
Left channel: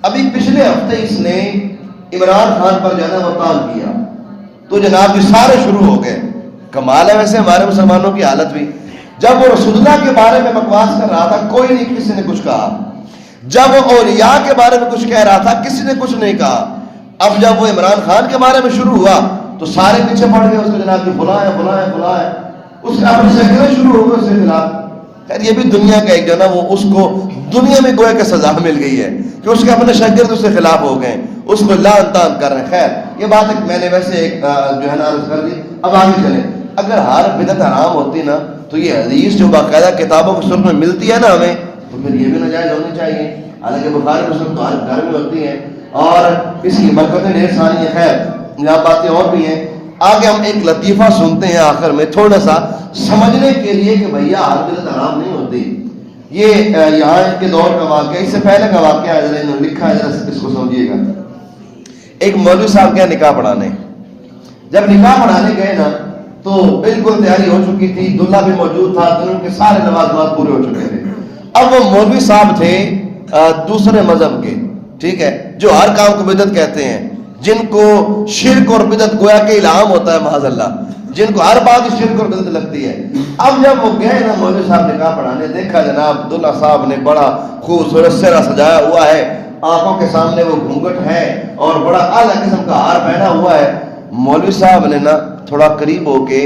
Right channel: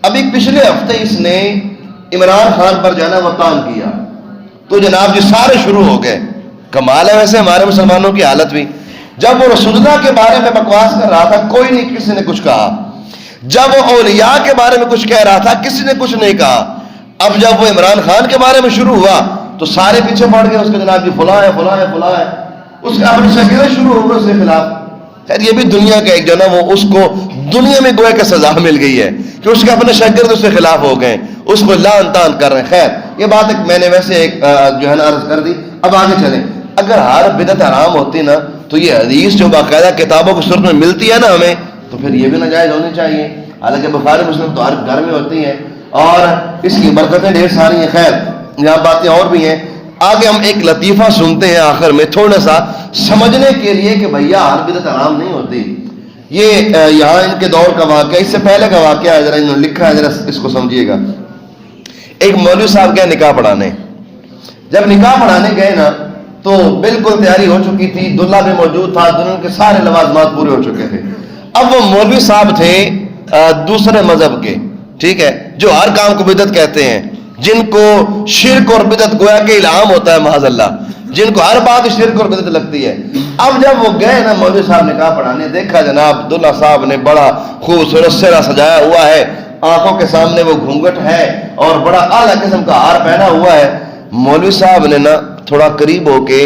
ابھی پچھلے ہفتے اس نے عمران خان پر جو ہے نا وہ تان کیا، تو جناب جی سارے شروع ہو گئے. کمال ہے ویسے ہمارے مسلمانوں کی حالت بھی. جب وہ رسول اللہ کے بارے میں بکواس کر رہا تھا کوئی نہیں کسی نے کچھ کہا، جب وہ اولیاء کے بارے میں کچھ کہہ رہا تھا کسی نے کچھ نہیں کہا. اب جب وہ عمران خان کے بارے میں شروع ہوا تو سارے پیچھے پڑ گئے، اس کے جناب جی فلاں ہے فلاں ہے فلاں ہے، اس کے اپنے شکلیں شروع ہو گئے اس کے خلاف. خیر یہ بھی دنیا کا ایک جو نا وہ اس کو دنیا میں گویا کہ سزا مل گئی ہے کہ اس کے اپنے شاگرد اس کے خلاف ہو گئے، اس کو لعن طعن کر رہے ہیں. خیر یہ بات ایک میں نے ویسے ایک جو ہے نا عرض کر دی. اب آگے چلیں. اگر ہر بدعت حرام ہوتی نا تو یہ حدیث جو باقاعدہ کتابوں کی صورت میں ملتی ہے نا ہمیں، تو پھر یہ بھی ناجائز ہونی چاہیے. حالانکہ بخاری مسلم تو ہر گھر میں ہوتی ہے اور اس کی برکتیں ڈھیر ساری ہیں. خیر یہاں باتیں اور بھی ہیں. آگے ہم ایک لطیفہ سنتے ہیں آخر میں تھوڑا سا سمجھنے کے لیے کہ بھیا ہر بدعت حرام نہیں ہوتی. یہ یہاں ان کے دور کا واقعہ، اس سے پہلے کا واقعہ ہے، ذرا انہوں نے لکھا ہے، ذرا اس کو سمجھیے گا. ایک مولوی صاحب گئے نکاح پڑھانے. جب نکاح پڑھانے گئے نا تو بالکل تیاری ہو چکی تھی، دلہا بھی موجود تھا، دنیا کے سارے لوازمات پورے ہو چکے تھے. اب وہ مولوی صاحب تھے دوسرے مذہب کے، ٹھیک ہے، جو ہر کام کو بدعت کہتے ہیں، جن کو شرک اور بدعت گویا کہ الہام ہوتا ہے معاذ اللہ، جن کو ہر بات شرک اور بدعت لگتی ہے. اب جب وہ گئے نا مولوی صاحب نکاح پڑھانے، دیکھا جناب دلہا صاحب نے بڑا خوبصورت سہرا سجایا ہوا ہے، آنکھوں کے سامنے وہ گھونگھٹ ہے اور بڑا اعلیٰ قسم کا ہار پہنا ہوا ہے. مولوی صاحب نے نا تھوڑا قریب ہو کے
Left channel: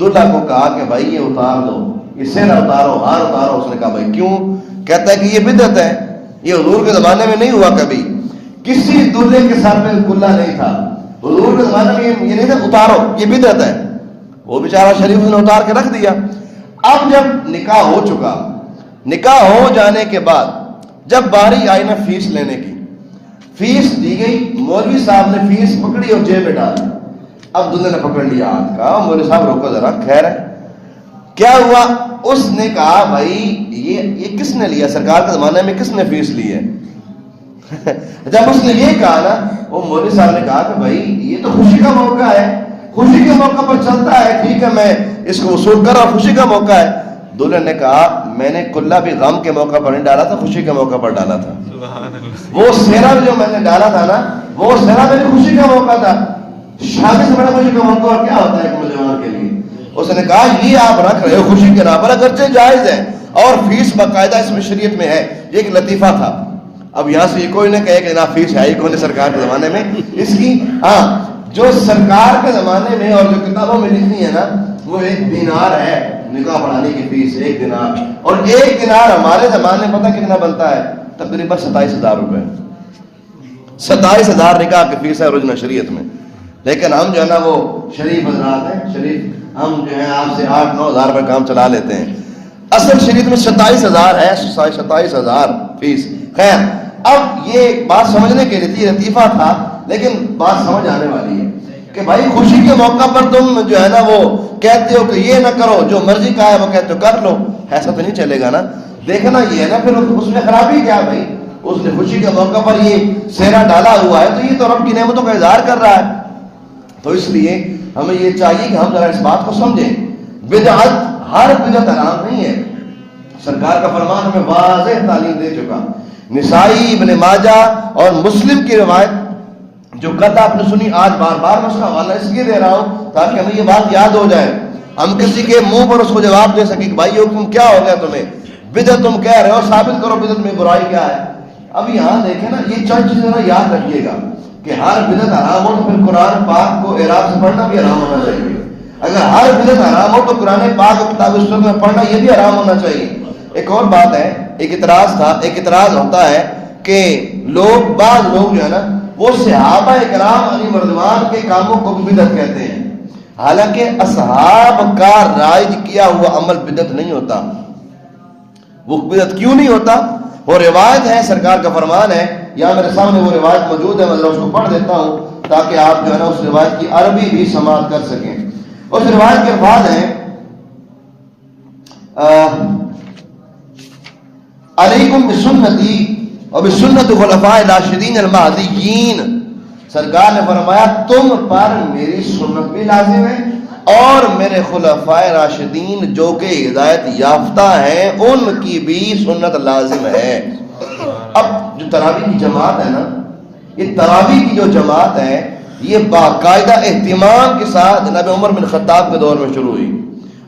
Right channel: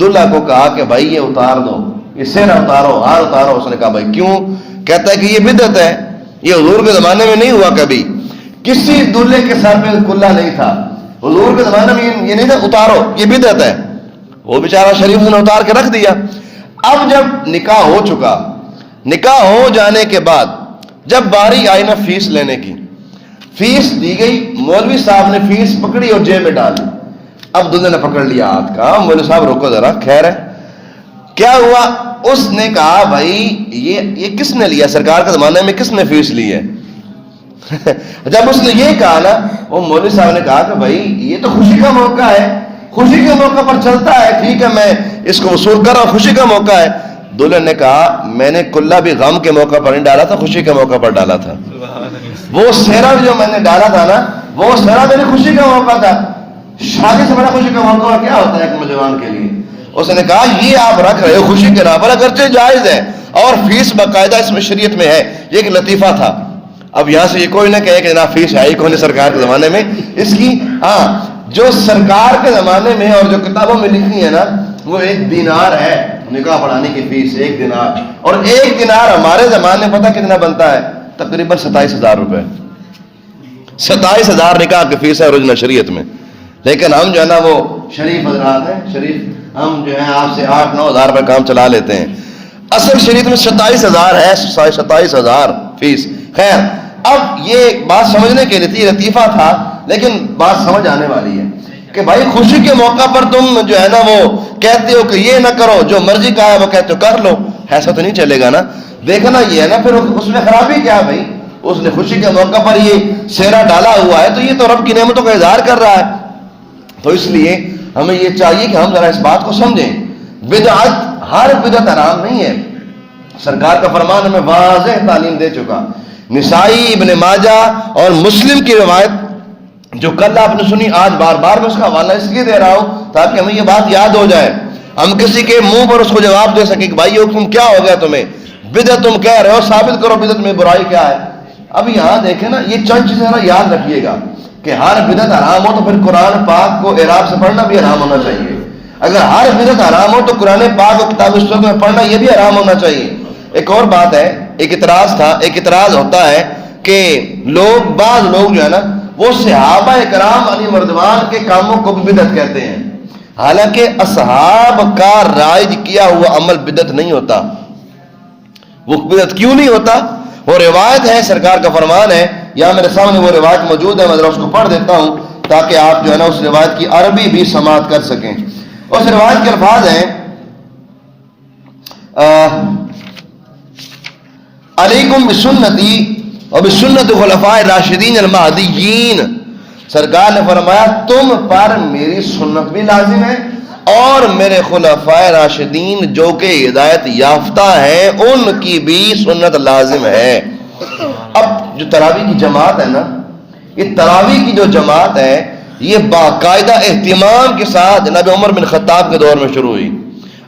دلہا کو کہا کہ بھائی یہ اتار دو، یہ سہرا اتارو، ہار اتارو. اس نے کہا بھائی کیوں؟ کہتا ہے کہ یہ بدعت ہے، یہ حضور کے زمانے میں نہیں ہوا کبھی، کسی دلہے کے سر پہ کلا نہیں تھا، حضور کے زمانے میں یہ نہیں تھا، اتارو یہ بدعت ہے. وہ بیچارہ شریف نے اتار کے رکھ دیا. اب جب نکاح ہو چکا، نکاح ہو جانے کے بعد جب باری آئی نا فیس لینے کی، فیس دی گئی، مولوی صاحب نے فیس پکڑی اور جیب میں ڈالی. اب دلہے نے پکڑ لیا ہاتھ کا، مولوی صاحب روکو ذرا، خیر ہے کیا ہوا؟ اس نے کہا بھائی یہ کس نے لیا؟ سرکار کے زمانے میں کس نے فیس لی ہے؟ جب اس نے یہ کہا نا، وہ مولوی صاحب نے کہا کہ بھائی یہ تو خوشی کا موقع ہے، خوشی کے موقع پر چلتا ہے، ٹھیک ہے میں اس کو وصول کر رہا ہوں، خوشی کا موقع ہے. دلہن نے کہا میں نے کلا بھی غم کے موقع پر نہیں ڈالا تھا، خوشی کے موقع پر ڈالا تھا. وہ سہرا جو میں نے ڈالا تھا نا، وہ سہرا میری خوشی کا موقع تھا. شادی سے بڑا خوشی کا موقع کیا ہوتا ہے ایک نوجوان کے لیے؟ اس نے کہا یہ آپ رکھ رہے ہو خوشی کے نام پر، اگرچہ جائز ہے اور فیس باقاعدہ اس میں شریعت میں ہے، یہ ایک لطیفہ تھا. اب یہاں سے یہ کوئی نہ کہے کہ جناب فیس ہے ہی کوئی سرکار کے زمانے میں اس کی. ہاں جو سرکار کے زمانے میں اور جو کتابوں میں لکھی ہے نا وہ 1 دینار ہے نکاح پڑھانے کی فیس، 1 دینار. اور 1 دینار ہمارے زمانے میں پتہ کتنا بنتا ہے؟ تقریباً 27,000 روپے. 27,000 نکاح کی فیس ہے اوریجنل شریعت میں. لیکن ہم جو ہے نا وہ شریف حضرات ہیں، شریف ہم جو ہیں آپ سے 8-9 ہزار روپے کام چلا لیتے ہیں. اصل شریعت میں 27,000 ہے، 27,000 فیس. خیر اب یہ بات سمجھنے کے لیے تھی، لطیفہ تھا لیکن بات سمجھ آنے والی ہے کہ بھائی خوشی کے موقع پر تم جو ہے نا وہ کہتے ہو کہ یہ نہ کرو، جو مرضی کہا ہے وہ کہتے ہو کر لو، ایسا تو نہیں چلے گا نا. دیکھنا یہ ہے نا پھر اس میں خرابی کیا بھائی؟ اس نے خوشی کے موقع پر یہ سہرا ڈالا ہوا ہے تو یہ تو رب کی نعمتوں کا اظہار کر رہا ہے۔ تو اس لیے ہمیں یہ چاہیے کہ ہم ذرا اس بات کو سمجھیں، بدعت ہر بدعت حرام نہیں ہے۔ سرکار کا فرمان ہمیں واضح تعلیم دے چکا۔ نسائی، ابن ماجہ اور مسلم کی روایت جو کل آپ نے سنی، آج بار بار میں اس کا حوالہ اس لیے دے رہا ہوں تاکہ ہمیں یہ بات یاد ہو جائے، ہم کسی کے منہ پر اس کو جواب دے سکیں کہ بھائی تم کیا ہو گیا، تمہیں بدعت تم کہہ رہے ہو، ثابت کرو بدعت میں برائی کیا ہے۔ اب یہاں دیکھیں نا، یہ چند چیزیں یاد رکھیے گا کہ ہر بدعت حرام ہو تو پھر قرآن پاک کو اعراب سے پڑھنا بھی حرام ہونا چاہیے۔ اگر ہر بدعت حرام ہو تو قرآن پاک اور کتاب سنت میں پڑھنا یہ بھی حرام ہونا چاہیے۔ ایک اور بات ہے، ایک اعتراض تھا، ایک اعتراض ہوتا ہے کہ بعض لوگ جو ہے نا وہ صحابہ کرام علی مردوان کے کاموں کو بھی بدعت کہتے ہیں، حالانکہ اصحاب کا رائج کیا ہوا عمل بدعت نہیں ہوتا۔ وہ بدعت کیوں نہیں ہوتا؟ وہ روایت ہے، سرکار کا فرمان ہے، یا میرے سامنے وہ روایت موجود ہے، میں ذرا اس کو پڑھ دیتا ہوں تاکہ آپ جو ہے نا اس روایت کی عربی بھی سماعت کر سکیں۔ اس روایت کے الفاظ ہیں علیکم بسنتی اور بسنت خلفاء راشدین المہدیین، سرکار نے فرمایا تم پر میری سنت بھی لازم ہے اور میرے خلفاء راشدین جو کہ ہدایت یافتہ ہیں ان کی بھی سنت لازم ہے۔ اب جو تراویح کی جماعت ہے نا، یہ تراویح کی جو جماعت ہے یہ باقاعدہ اہتمام کے ساتھ جناب عمر بن خطاب کے دور میں شروع ہوئی۔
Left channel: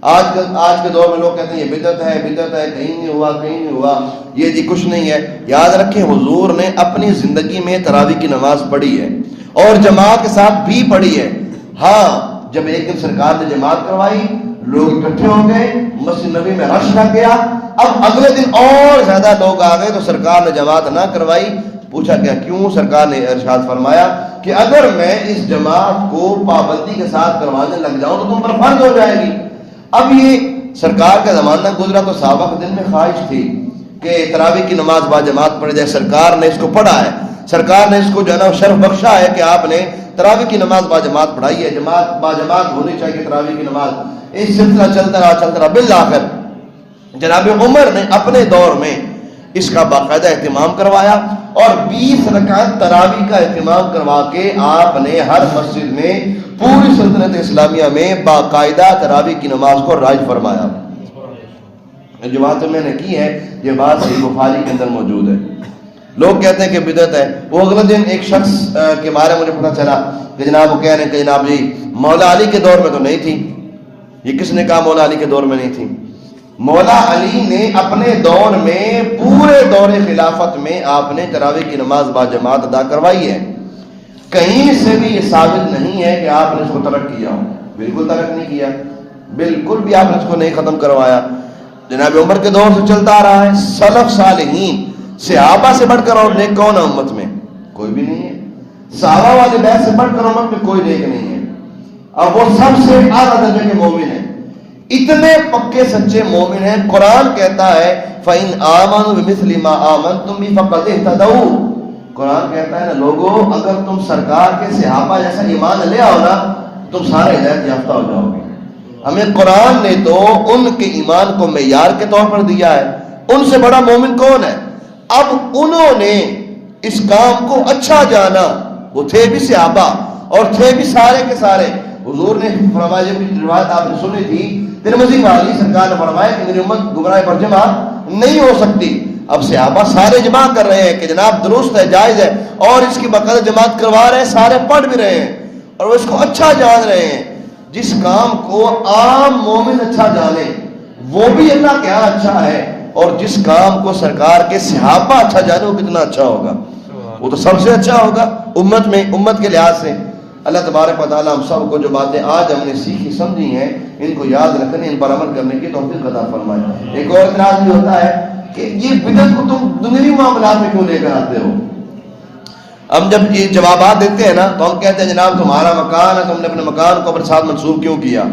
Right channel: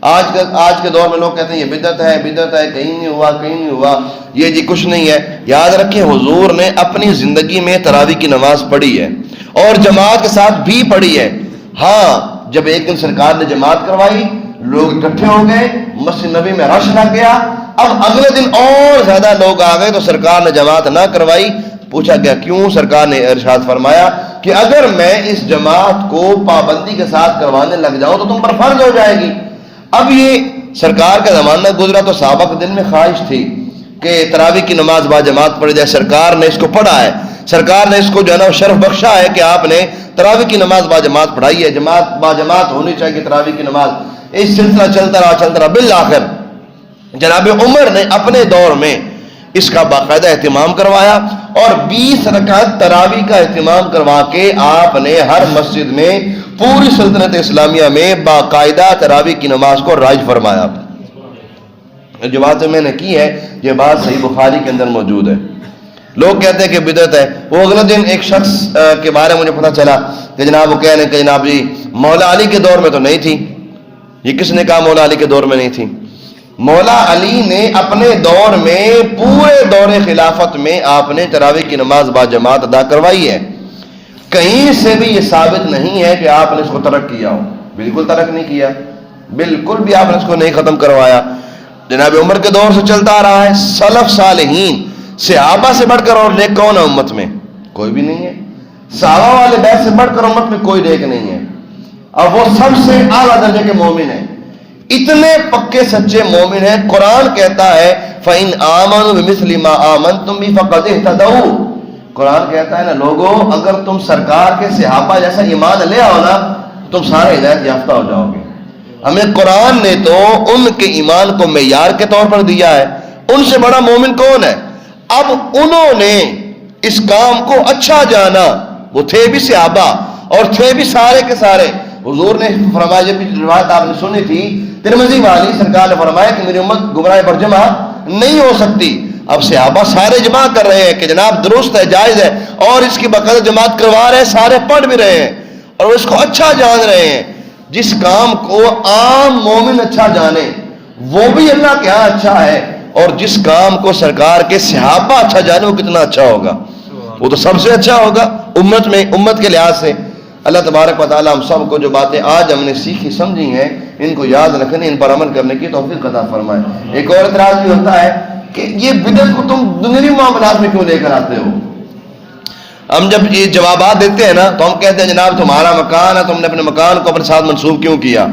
آج کے دور میں لوگ کہتے ہیں یہ بدعت ہے، بدعت ہے، کہیں نہیں ہوا، کہیں نہیں ہوا، یہ جی کچھ نہیں ہے۔ یاد رکھیں حضور نے اپنی زندگی میں تراویح کی نماز پڑھی ہے اور جماعت کے ساتھ بھی پڑھی ہے۔ ہاں جب ایک دن سرکار نے جماعت کروائی، لوگ اکٹھے ہو گئے، مسجد نبی میں رش لگ گیا، اب اگلے دن اور زیادہ لوگ آ گئے تو سرکار نے جماعت نہ کروائی۔ پوچھا گیا کیوں؟ سرکار نے ارشاد فرمایا کہ اگر میں اس جماعت کو پابندی کے ساتھ کروانے لگ جاؤں تو تم پر فرض ہو جائے گی۔ اب یہ سرکار کا زمانہ گزرا تو صحابہ کے دل میں خواہش تھی کہ تراویح کی نماز با جماعت پڑھ جائے۔ سرکار نے اس کو پڑھا ہے، سرکار نے اس کو جو ہے نا شرف بخشا ہے کہ آپ نے تراویح کی نماز با جماعت پڑھائی ہے، جماعت با جماعت ہونی چاہیے تراویح کی نماز۔ اس سلسلہ چلتا رہا بالآخر جناب عمر نے اپنے دور میں اس کا باقاعدہ اہتمام کروایا اور 20 رکعت تراویح کا اہتمام کروا کے آپ نے ہر مسجد میں پوری سلطنت اسلامیہ میں باقاعدہ تراویح کی نماز کو رائج فرمایا۔ جو بات میں نے کی ہے یہ بات صحیح بخاری کے اندر موجود ہے۔ لوگ کہتے ہیں کہ بدعت ہے۔ وہ اگلے دن ایک شخص کے بارے میں مجھے پتہ چلا کہ جناب وہ کہہ رہے ہیں کہ جناب جی مولا علی کے دور میں تو نہیں تھی۔ یہ کس نے کہا مولا علی کے دور میں نہیں تھی؟ مولا علی نے اپنے دور میں پورے دور خلافت میں آپ نے تراویح کی نماز با جماعت ادا کروائی ہے۔ کہیں سے بھی یہ ثابت نہیں ہے کہ آپ نے اس کو ترک کیا ہو، بالکل ترک نہیں کیا، بالکل بھی آپ نے اس کو نہیں ختم کروایا۔ جناب عمر کے دور سے چلتا آ رہا ہے۔ سلف صالحین صحابہ سے بڑھ کر اور نیک کون ہے امت میں؟ کوئی بھی نہیں ہے۔ صحابہ والے بیت سے بڑھ کر امت میں کوئی نیک نہیں ہے، اب وہ سب سے اعلیٰ درجے کے مومن ہیں، اتنے پکے سچے مومن ہیں۔ قرآن کہتا ہے فَإِنْ آمَنُوا بِمِثْلِ مَا آمَنْتُمْ بِهِ فَقَدِ اهْتَدَوْا۔ قرآن کہتا ہے نا لوگوں اگر تم سرکار کے صحابہ جیسا ایمان لے آؤ نا تم سارے ہدایت یافتہ ہو جاؤ گے۔ ہمیں قرآن نے تو ان کے ایمان کو معیار کے طور پر دیا ہے، ان سے بڑا مومن کون ہے؟ اب انہوں نے اس کام کو اچھا جانا، وہ تھے بھی صحابہ اور تھے بھی سارے کے سارے۔ حضور نے فرمایا، جب روایت آپ نے سنی تھی ترمذی والی، سرکار نے فرمایا کہ میری امت گمراہ پر جمع نہیں ہو سکتی۔ اب صحابہ سارے جمع کر رہے ہیں کہ جناب درست ہے، جائز ہے، اور اس کی باقاعدہ جماعت کروا رہے ہیں، سارے پڑھ بھی رہے ہیں اور اس کو اچھا جان رہے ہیں۔ جس کام کو عام مومن اچھا جانے وہ بھی اللہ کے ہاں اچھا ہے، اور جس کام کو سرکار کے صحابہ اچھا جانے وہ کتنا اچھا ہوگا؟ وہ تو سب سے اچھا ہوگا امت میں، امت کے لحاظ سے۔ اللہ تبارک و تعالیٰ ہم سب کو جو باتیں آج ہم نے سیکھی سمجھی ہیں ان کو یاد رکھنے، ان پر عمل کرنے کی توفیق عطا فرمائے۔ ایک اور اعتراض بھی ہوتا ہے کہ یہ بدعت کو تم دنیوی معاملات میں کیوں لے کر آتے ہو؟ ہم جب یہ جوابات دیتے ہیں نا تو ہم کہتے ہیں جناب تمہارا مکان ہے، تم نے اپنے مکان کو اپنے ساتھ منسوب کیوں کیا؟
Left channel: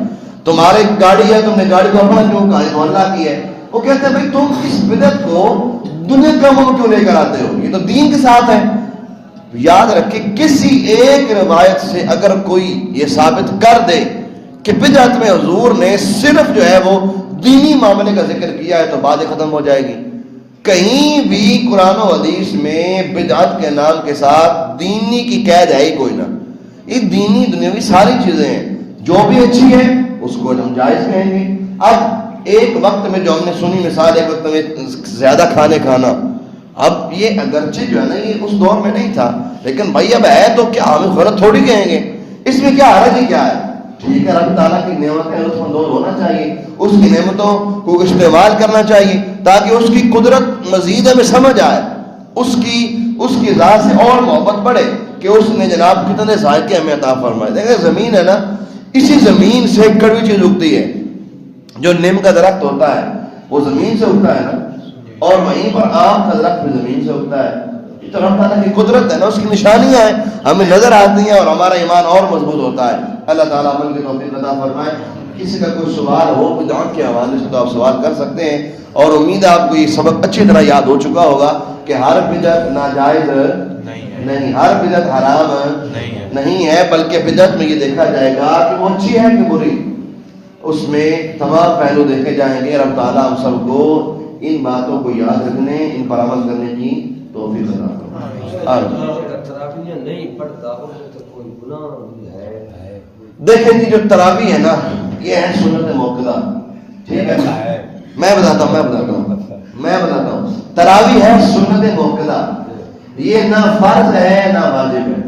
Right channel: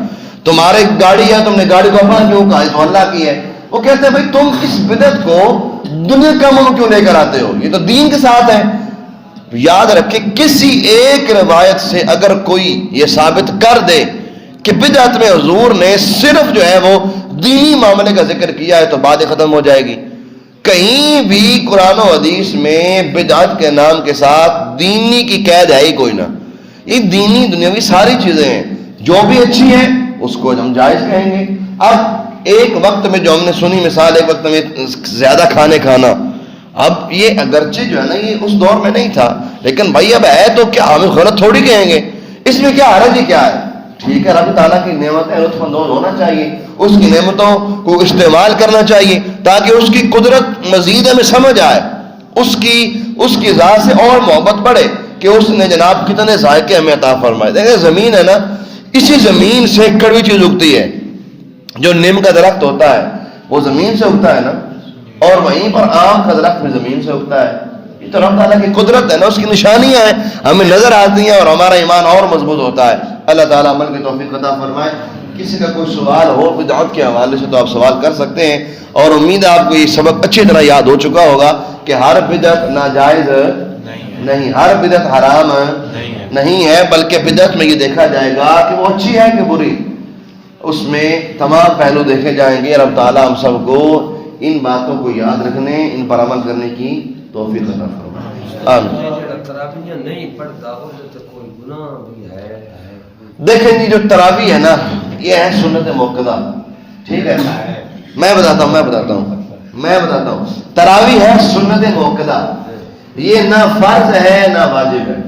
تمہاری گاڑی ہے، تم نے گاڑی کو اپنا کیوں کہا؟ تو اللہ کی ہے۔ وہ کہتے ہیں بھائی تم اس بدعت کو دنیا کے کاموں میں کیوں لے کر آتے ہو؟ یہ تو دین کے ساتھ ہے۔ یاد رکھیں کسی ایک روایت سے اگر کوئی یہ ثابت کر دے کہ بدعت میں حضور نے صرف جو ہے وہ دینی معاملے کا ذکر کیا ہے تو بات ختم ہو جائے گی۔ کہیں بھی قرآن و حدیث میں بدعت کے نام کے ساتھ دینی کی قید ہے ہی کوئی نہ. یہ دینی دنیاوی ساری چیزیں ہیں، جو بھی اچھی ہیں اس کو ہم جائز کہیں گے. اب ایک وقت میں جو ہم نے سنی مثال، ایک وقت میں زیادہ کھانے کھانا، اب یہ اگرچہ جو ہے نا یہ اس دور میں نہیں تھا، لیکن بھائی اب ہے تو کیا ہم غلط تھوڑی کہیں گے، اس میں کیا حرج ہی کیا ہے. ٹھیک ہے، رب تعالیٰ کی نعمتیں لطف اندوز ہونا چاہیے، اس کی نعمتوں کو استعمال کرنا چاہیے تاکہ اس کی قدرت مزید ہمیں سمجھ آئے، اس کی ذات سے اور محبت بڑھے کہ اس نے جناب کتنے ذائقے ہمیں عطا فرمائے. دیکھیں زمین ہے نا، اسی زمین سے کڑوی چیز اگتی ہے. جو نیم کا درخت ہوتا ہے وہ زمین سے اگتا ہے نا، اور وہیں پر آم کا درخت بھی زمین سے اگتا ہے. یہ تو رب تعالیٰ کی قدرت ہے نا، اس کی نشانیاں ہیں، ہمیں نظر آتی ہیں اور ہمارا ایمان اور مضبوط ہوتا ہے. اللہ تعالیٰ عمل کی توفیق عطا فرمائے. کسی کا کوئی سوال ہو بدعت کے حوالے سے تو آپ سوال کر سکتے ہیں، اور امید ہے آپ کو یہ سبق اچھی طرح یاد ہو چکا ہوگا کہ ہر بدعت ناجائز نہیں، ہر بدعت حرام نہیں ہے، بلکہ بدعت میں یہ دیکھا جائے گا کہ وہ اچھی ہے کہ بری، اس میں تمام پہلو دیکھے جائیں گے. رب تعالیٰ ہم سب کو ان باتوں کو یاد رکھنے، ان پر عمل کرنے کی توفیق عطا فرمائے. دیکھیں جی جو تراویح ہے نا یہ ہے سنت موقدہ. ٹھیک ہے، میں بتاتا ہوں تراویح ہے سنت موقدہ، یہ نہ فرض ہے نہ واجب ہے.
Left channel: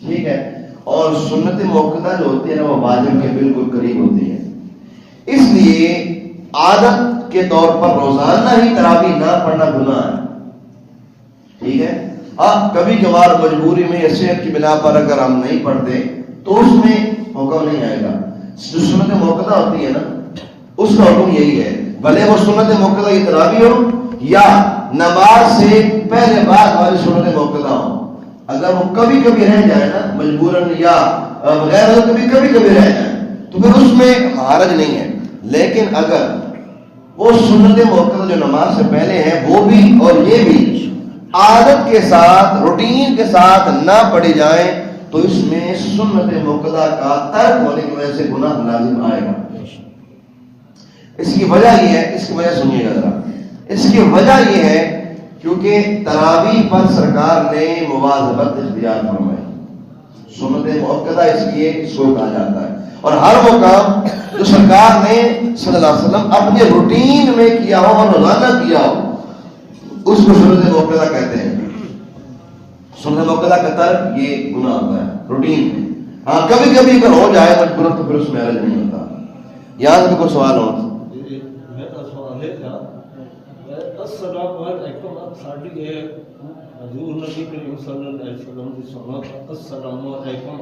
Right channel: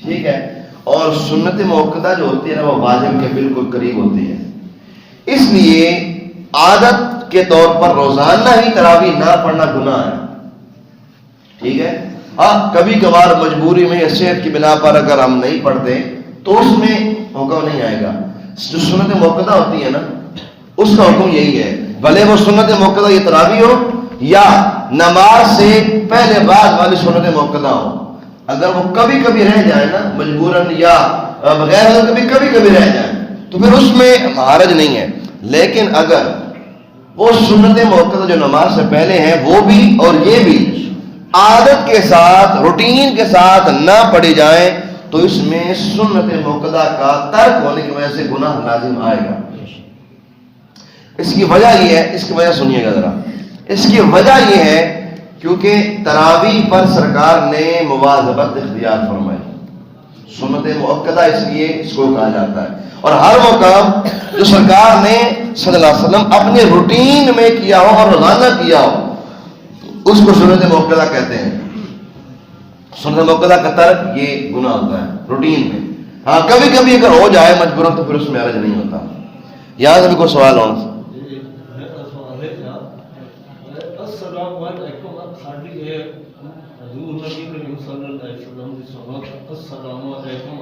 ٹھیک ہے، اور سنت موقدہ جو ہوتی ہے نا وہ واجب کے بالکل قریب ہوتی ہے. اس لیے عادت کے طور پر روزانہ ہی تراویح نہ پڑھنا گناہ ہے. ٹھیک ہے، ہاں کبھی کبھار مجبوری میں یا صحت کی بنا پر اگر ہم نہیں پڑھتے تو اس میں حکم نہیں آئے گا. جو سنت موقدہ ہوتی ہے نا اس کا حکم یہی ہے، بھلے وہ سنت موقدہ یہ تراویح ہو یا نماز سے پہلے بعد والی سنت موقدہ ہو، اگر وہ کبھی کبھی رہ جائے نا مجبوراً یا بغیر کبھی کبھی رہ جائے تو پھر اس میں حرج نہیں ہے. لیکن اگر وہ سنت موقدہ جو نماز سے پہلے ہیں وہ بھی اور یہ بھی عادت کے ساتھ روٹین کے ساتھ نہ پڑھی جائیں تو اس میں سنت موقدہ کا ترک ہونے کی وجہ سے گناہ لازم آئے گا. اس کی وجہ یہ ہے، اس کی وجہ سنیے گا ذرا، اس کی وجہ یہ ہے کیونکہ تراویح پر سرکار نے مواظبت اختیار فرمائی. سنت موقدہ اس لیے اس کو کہا جاتا ہے، اور ہر وہ کام جو سرکار نے صلی اللہ علیہ وسلم اپنے روٹین میں کیا ہو اور روزانہ کیا ہو اس کو سنت موقدہ کہتے ہیں. سنت موقدہ کا ترک یہ گناہ ہوتا ہے روٹین میں. ہاں کبھی کبھی اگر ہو جائے مجبورن تو پھر اس میں حرج نہیں ہوتا. یہاں سے بھی کوئی سوال ہو؟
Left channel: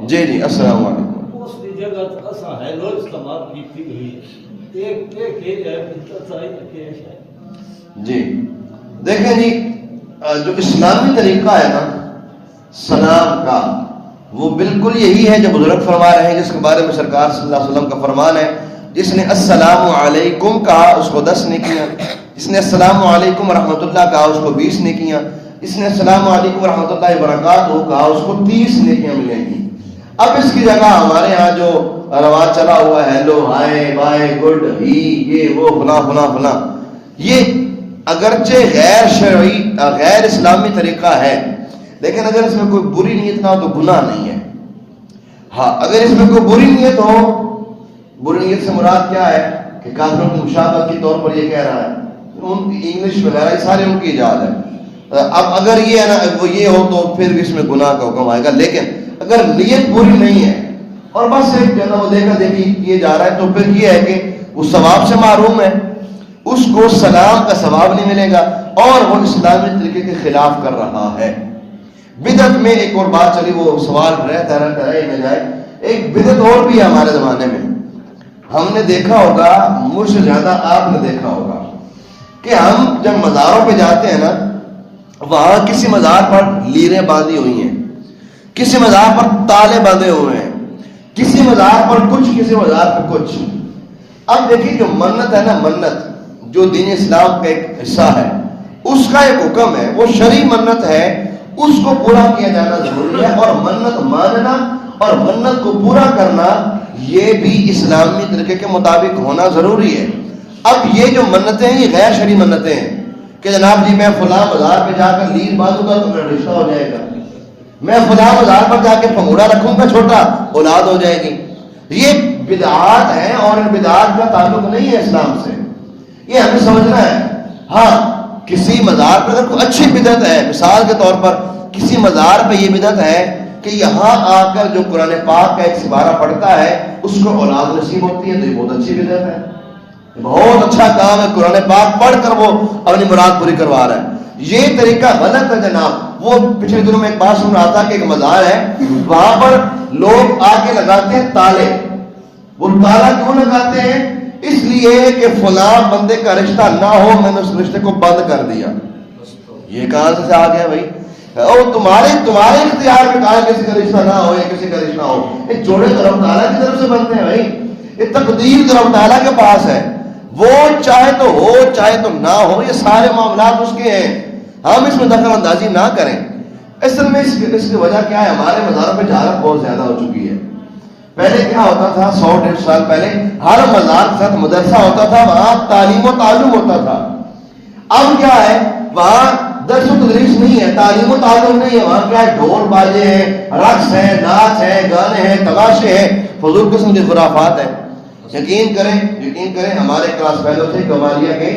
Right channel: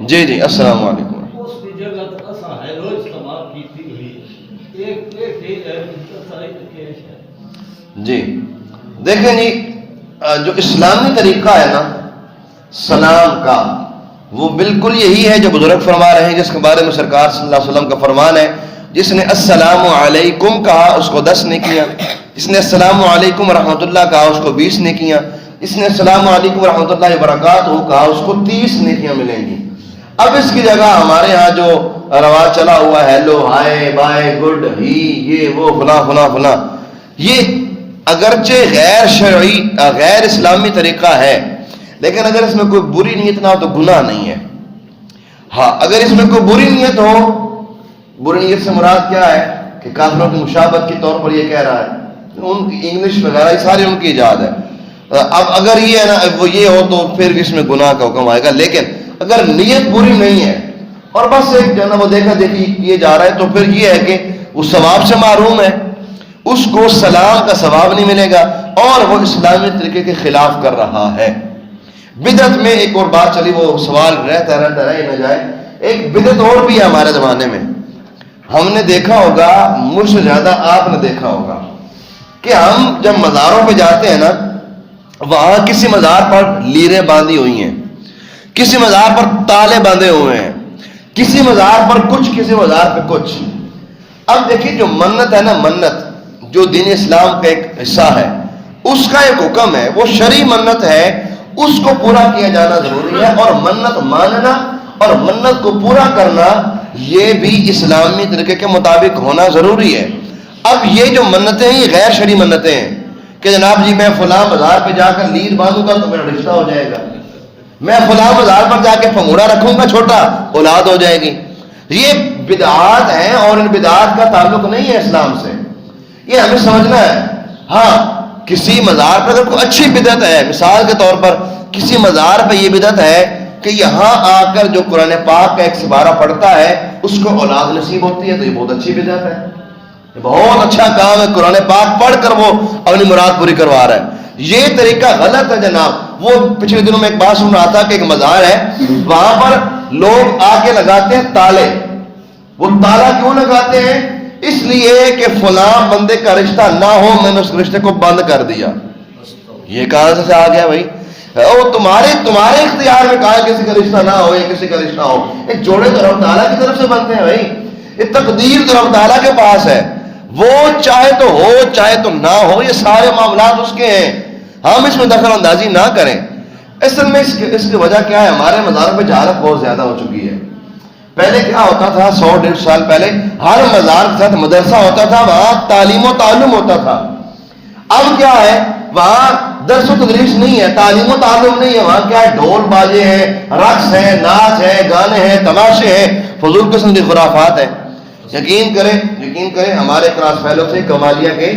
جی جی السلام علیکم. جی دیکھیں جی جو اسلامی طریقہ ہے نا سلام کا وہ بالکل یہی ہے جو بزرگ فرما رہے ہیں، جس کے بارے میں سرکار صلی اللہ علیہ وسلم کا فرمان ہے، جس نے السلام علیکم کہا اس کو 10 نیکیاں، جس نے السلام علیکم ورحمۃ اللہ کہا اس کو 20 نیکیاں، جس نے السلام علیکم ورحمۃ اللہ وبرکاتہ کہا اس کو 30 نیکیاں ملیں گی. اب اس کی جگہ ہمارے ہاں جو رواج چلا ہوا ہے ہیلو ہائے بائے گڈ ہی یہ وہ فلاں فلاں فلاں، یہ اگرچہ غیر شرعی غیر اسلامی طریقہ ہے لیکن اگر اس میں کوئی بری نیت نہ ہو تو گناہ نہیں ہے. ہاں اگر اس میں کوئی بری نیت ہو، بری نیت سے مراد کیا ہے کہ کافروں کی مشابہت کے طور پر یہ کہہ رہا ہے، ان کی انگلش وغیرہ یہ سارے ان کی ایجاد ہے. اب اگر یہ ہے نا وہ یہ ہو تو پھر اس میں گناہ کا حکم آئے گا. لیکن اگر نیت بری نہیں ہے اور بس ایک جو ہے نا وہ دیکھا دیکھی کیے جا رہا ہے تو پھر یہ ہے کہ وہ ثواب سے محروم ہے، اس کو سلام کا ثواب نہیں ملے گا اور وہ اسلامی طریقے کے خلاف کر رہا ہے. بدعت میں ایک اور بات چلی، وہ سوال رہتا رہے نہ جائے. ایک بدعت اور بھی ہے ہمارے زمانے میں، ہم نے دیکھا ہوگا مجھ سے زیادہ آپ نے دیکھا ہوگا کہ ہم جب مزاروں پہ جاتے ہیں نا وہاں کسی مزار پر لیریں باندھی ہوئی ہیں، کسی مزار پر تالے باندھے ہوئے ہیں، کسی مزار پر کچھ، کسی مزار پر کچھ. اب دیکھیں جو منت ہے نا، منت جو دین اسلام کا ایک حصہ ہے اس کا ایک حکم ہے، وہ شرعی منت ہے، اس کو پورا کیا جانا ضروری ہے، اور منت ماننا اور منت کو پورا کرنا یہ بھی اسلامی طریقے کے مطابق ہونا ضروری ہے. اب یہ جو منتیں ہیں یہ غیر شرعی منتیں ہیں، کہ جناب جی میں فلاں بازار پہ جا کر نیل باندھوں گا تو میرا رشتہ ہو جائے گا، میں فلاں بازار پر جا کے پھنگوڑا رکھوں گا چھوٹا اولاد ہو جائے گی. یہ بدعات ہیں اور ان بدعات کا تعلق نہیں ہے اسلام سے، یہ ہمیں سمجھنا ہے. ہاں کسی مزار پر اگر کوئی اچھی بدعت ہے، مثال کے طور پر کسی مزار پہ یہ بدعت ہے کہ یہاں آ کر جو قرآن پاک کا ایک سپارہ پڑھتا ہے اس کو اولاد نصیب ہوتی ہے، تو یہ بہت اچھی بدعت ہے، یہ بہت اچھا کام ہے. قرآن پاک پڑھ کر وہ اپنی مراد پوری کروا رہا ہے. یہ طریقہ غلط ہے جناب. وہ پچھلے دنوں میں ایک بات سن رہا تھا کہ ایک مزار ہے، وہاں پر لوگ آ کے لگاتے ہیں تالے. وہ تالا کیوں لگاتے ہیں؟ اس لیے کہ فلاں بندے کا رشتہ نہ ہو، میں نے اس رشتے کو بند کر دیا. یہ کہاں سے آ گیا بھائی؟ وہ تمہارے اختیار میں کہا کسی کا رشتہ نہ ہو یا کسی کا رشتہ ہو. ایک جوڑے تو رب تعالیٰ کی طرف سے بنتے ہیں بھائی. یہ تقدیر تو رب تعالیٰ کے پاس ہے، وہ چاہے تو ہو چاہے تو نہ ہو، یہ سارے معاملات اس کے ہیں. ہم اس میں دخل اندازی نہ کریں. اصل میں اس کی وجہ کیا ہے؟ ہمارے مزاروں پہ جہالت بہت زیادہ ہو چکی ہے. پہلے کیا ہوتا تھا؟ 100-150 سال پہلے ہر مزار کے ساتھ مدرسہ ہوتا تھا، وہاں تعلیم و تعلم ہوتا تھا. اب کیا ہے؟ وہاں درس و تدریس نہیں ہے، تعلیم و تعلم نہیں ہے. وہاں کیا ہے؟ ڈھول بازے ہیں، رقص ہے، ناچ ہے، گانے ہیں، تماشے ہیں، فضول قسم کی خرافات ہے. یقین کریں ہمارے کلاس فیلو تھے کمالیہ کے،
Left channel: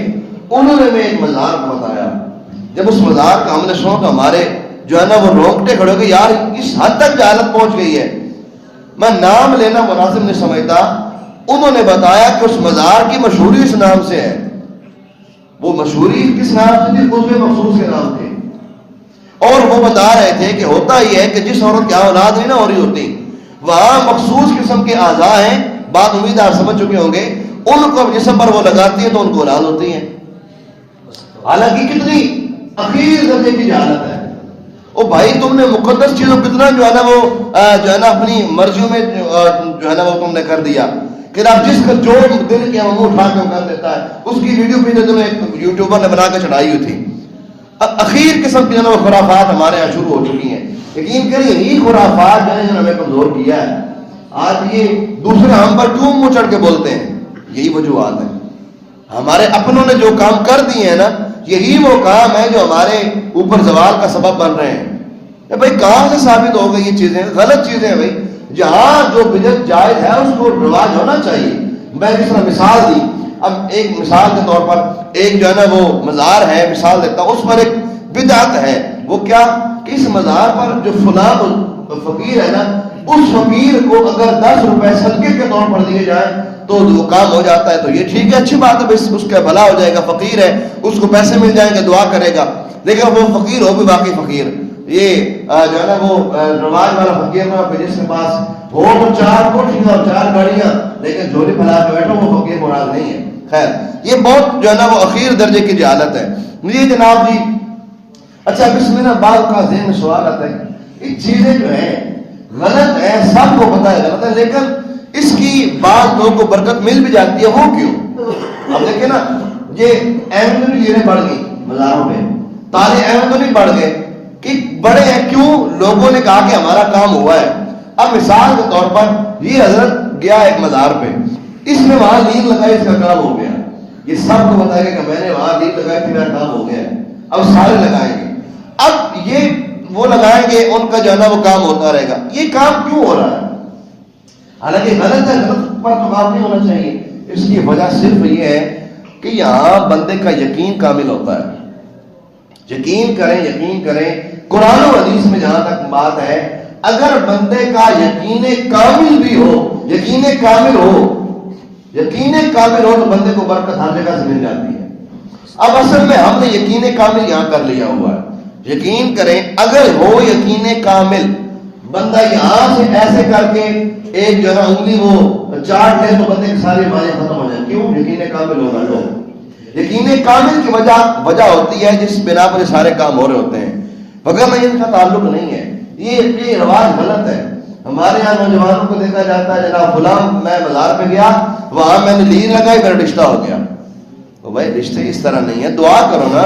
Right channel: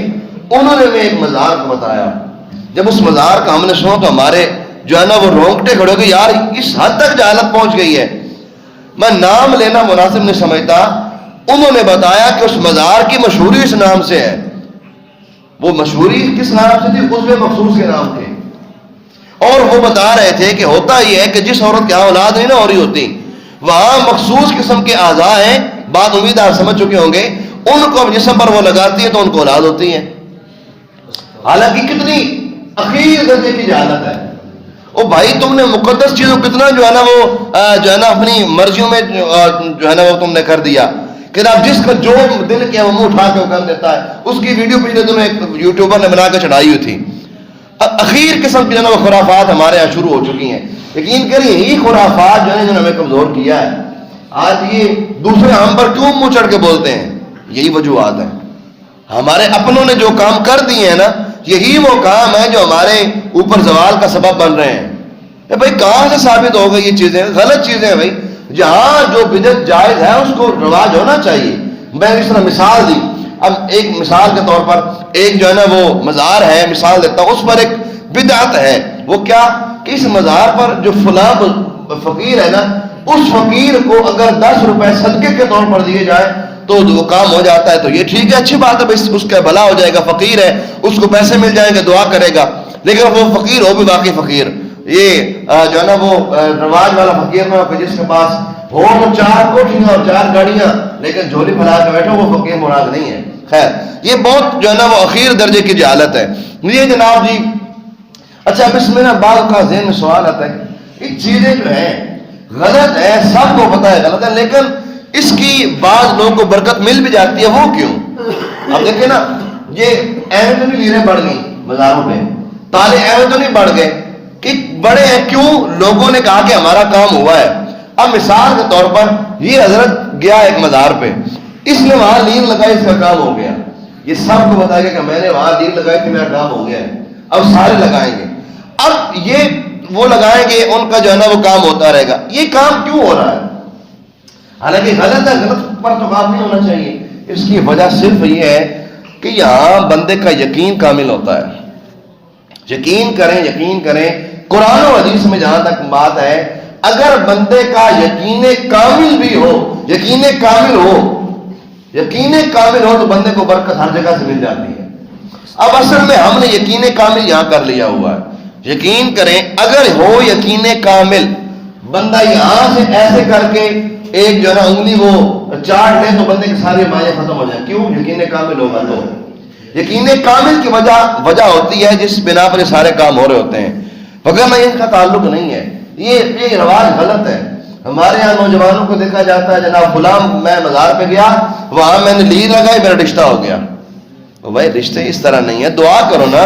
انہوں نے میں ایک مزار کو بتایا. جب اس مزار کا ہم نے سنا تو ہمارے جو ہے نا وہ رونگٹے کھڑے ہو گئے. یار اس حد تک جہالت پہنچ گئی ہے، میں نام لینا مناسب نہیں سمجھتا. انہوں نے بتایا کہ اس مزار کی مشہوری اس نام سے ہے. وہ مشہوری کس نام سے تھی؟ عضو مخصوص کے نام تھے. اور وہ بتا رہے تھے کہ ہوتا یہ ہے کہ جس عورت کی اولاد نہیں نہ ہو رہی ہوتی، وہاں مخصوص قسم کے اعضاء ہیں، بات امید آپ سمجھ چکے ہوں گے، ان کو جسم پر وہ لگاتی ہے تو ان کو اولاد ہوتی ہے. حالانکہ کتنی اخیر درجے کی جہالت ہے. او بھائی تم نے مقدس چیزوں کتنا جو ہے نا وہ جو ہے نا اپنی مرضیوں میں جو ہے نا وہ تم نے کر دیا کہ اب جس کا جو دل کیا وہ منہ اٹھا کے کر دیتا ہے. اس کی ویڈیو پچھلے دنوں ایک یوٹیوبر نے بنا کے چڑھائی ہوئی تھی. اب اخیر قسم کی جو ہے وہ خرافات ہمارے یہاں شروع ہو چکی ہیں. یقین کریں یہی خرافات جو ہے نا ہمیں کمزور کیا ہے. آج یہ دوسرے ہم پر کیوں منہ چڑھ کے بولتے ہیں؟ یہی وجوہات ہیں. ہمارے اپنوں نے جو کام کر دیے ہیں نا، یہی وہ کام ہے جو ہمارے اوپر زوال کا سبب بن رہے ہیں. بھائی کہاں سے ثابت ہو گئی یہ چیزیں؟ غلط چیزیں ہیں بھائی. جہاں جو بدعت جائز ہے اس کو رواج ہونا چاہیے. میں اس طرح مثال دی. اب ایک مثال کے طور پر ایک جو ہے نا وہ مزار ہے، مثال دیتا ہوں، اس پر ایک بدعت ہے. وہ کیا کہ اس مزار پر جو فلاں فقیر ہے نا، اس فقیر کو اگر 10 روپے صدقے کے طور پر دیے جائے تو وہ کام ہو جاتا ہے. تو یہ ٹھیک ہے، اچھی بات ہے، اس کا بھلا ہو جائے گا. فقیر ہے، اس کو پیسے مل جائیں گے، دعا کرے گا. لیکن وہ فقیر ہو بھی باقی فقیر، یہ جو ہے نا وہ رواج والا فقیر نہ کہ جس کے پاس ہو تو 4 کوٹھیاں اور 4 گاڑیاں لیکن جھولی پھیلا کے بیٹھو، وہ فقیر مراد نہیں ہے. خیر یہ بہت جو ہے نا وہ اخیر درجے کی جہالت ہے. یہ جناب جی اچھا اب اس میں نا بعض کا ذہن میں سوال آتا ہے، یہ چیزیں جو ہیں غلط ہے، سب کو پتہ ہے غلط ہے، لیکن اس کی بعض لوگوں کو برکت مل بھی جاتی ہے. وہ کیوں؟ اب دیکھیں نا، یہ اہم تو نہیں لیریں بڑھ گئی بازاروں میں، تالے اہم تو نہیں بڑھ گئے کہ بڑے ہیں. کیوں؟ لوگوں نے کہا کہ ہمارا کام ہوا ہے. اب مثال کے طور پر یہ حضرت گیا ایک مزار پہ، اس نے وہاں لیر لگائی، اس کا کام ہو گیا. یہ سب کو بتائے گا کہ میں نے وہاں لیر لگائی تھی، میرا کام ہو گیا ہے. اب سارے لگائیں گے. اب یہ وہ لگائیں گے، ان کا جو ہے نا وہ کام ہوتا رہے گا. یہ کام کیوں ہو رہا ہے؟ حالانکہ غلط ہے، غلط پر تو کام نہیں ہونا چاہیے. اس کی وجہ صرف یہ ہے کہ یہاں بندے کا یقین کامل ہوتا ہے. یقین کریں قرآن و حدیث میں جہاں تک بات ہے، اگر بندے کا یقین کامل بھی ہو، یقین کامل ہو تو بندے کو برکت ہر جگہ سے مل جاتی ہے. اب اصل میں ہم نے یقین کامل یہاں کر لیا ہوا ہے. یقین کریں اگر ہو یقین کامل، بندہ یہاں سے ایسے کر کے ایک جو ہے انگلی وہ چاٹ لے تو بندے کے سارے معنی ختم ہو جائیں. کیوں؟ یقین کامل ہوگا. تو یقین کامل کی وجہ ہوتی ہے جس بنا پر یہ سارے کام ہو رہے ہوتے ہیں، وگرنہ ان کا تعلق نہیں ہے. یہ رواج غلط ہے. ہمارے یہاں نوجوانوں کو دیکھا جاتا ہے، جناب غلام میں مزار پہ گیا، وہاں میں نے لیر لگائی، میرا رشتہ ہو گیا. تو بھائی رشتے اس طرح نہیں ہے، دعا کرو نا.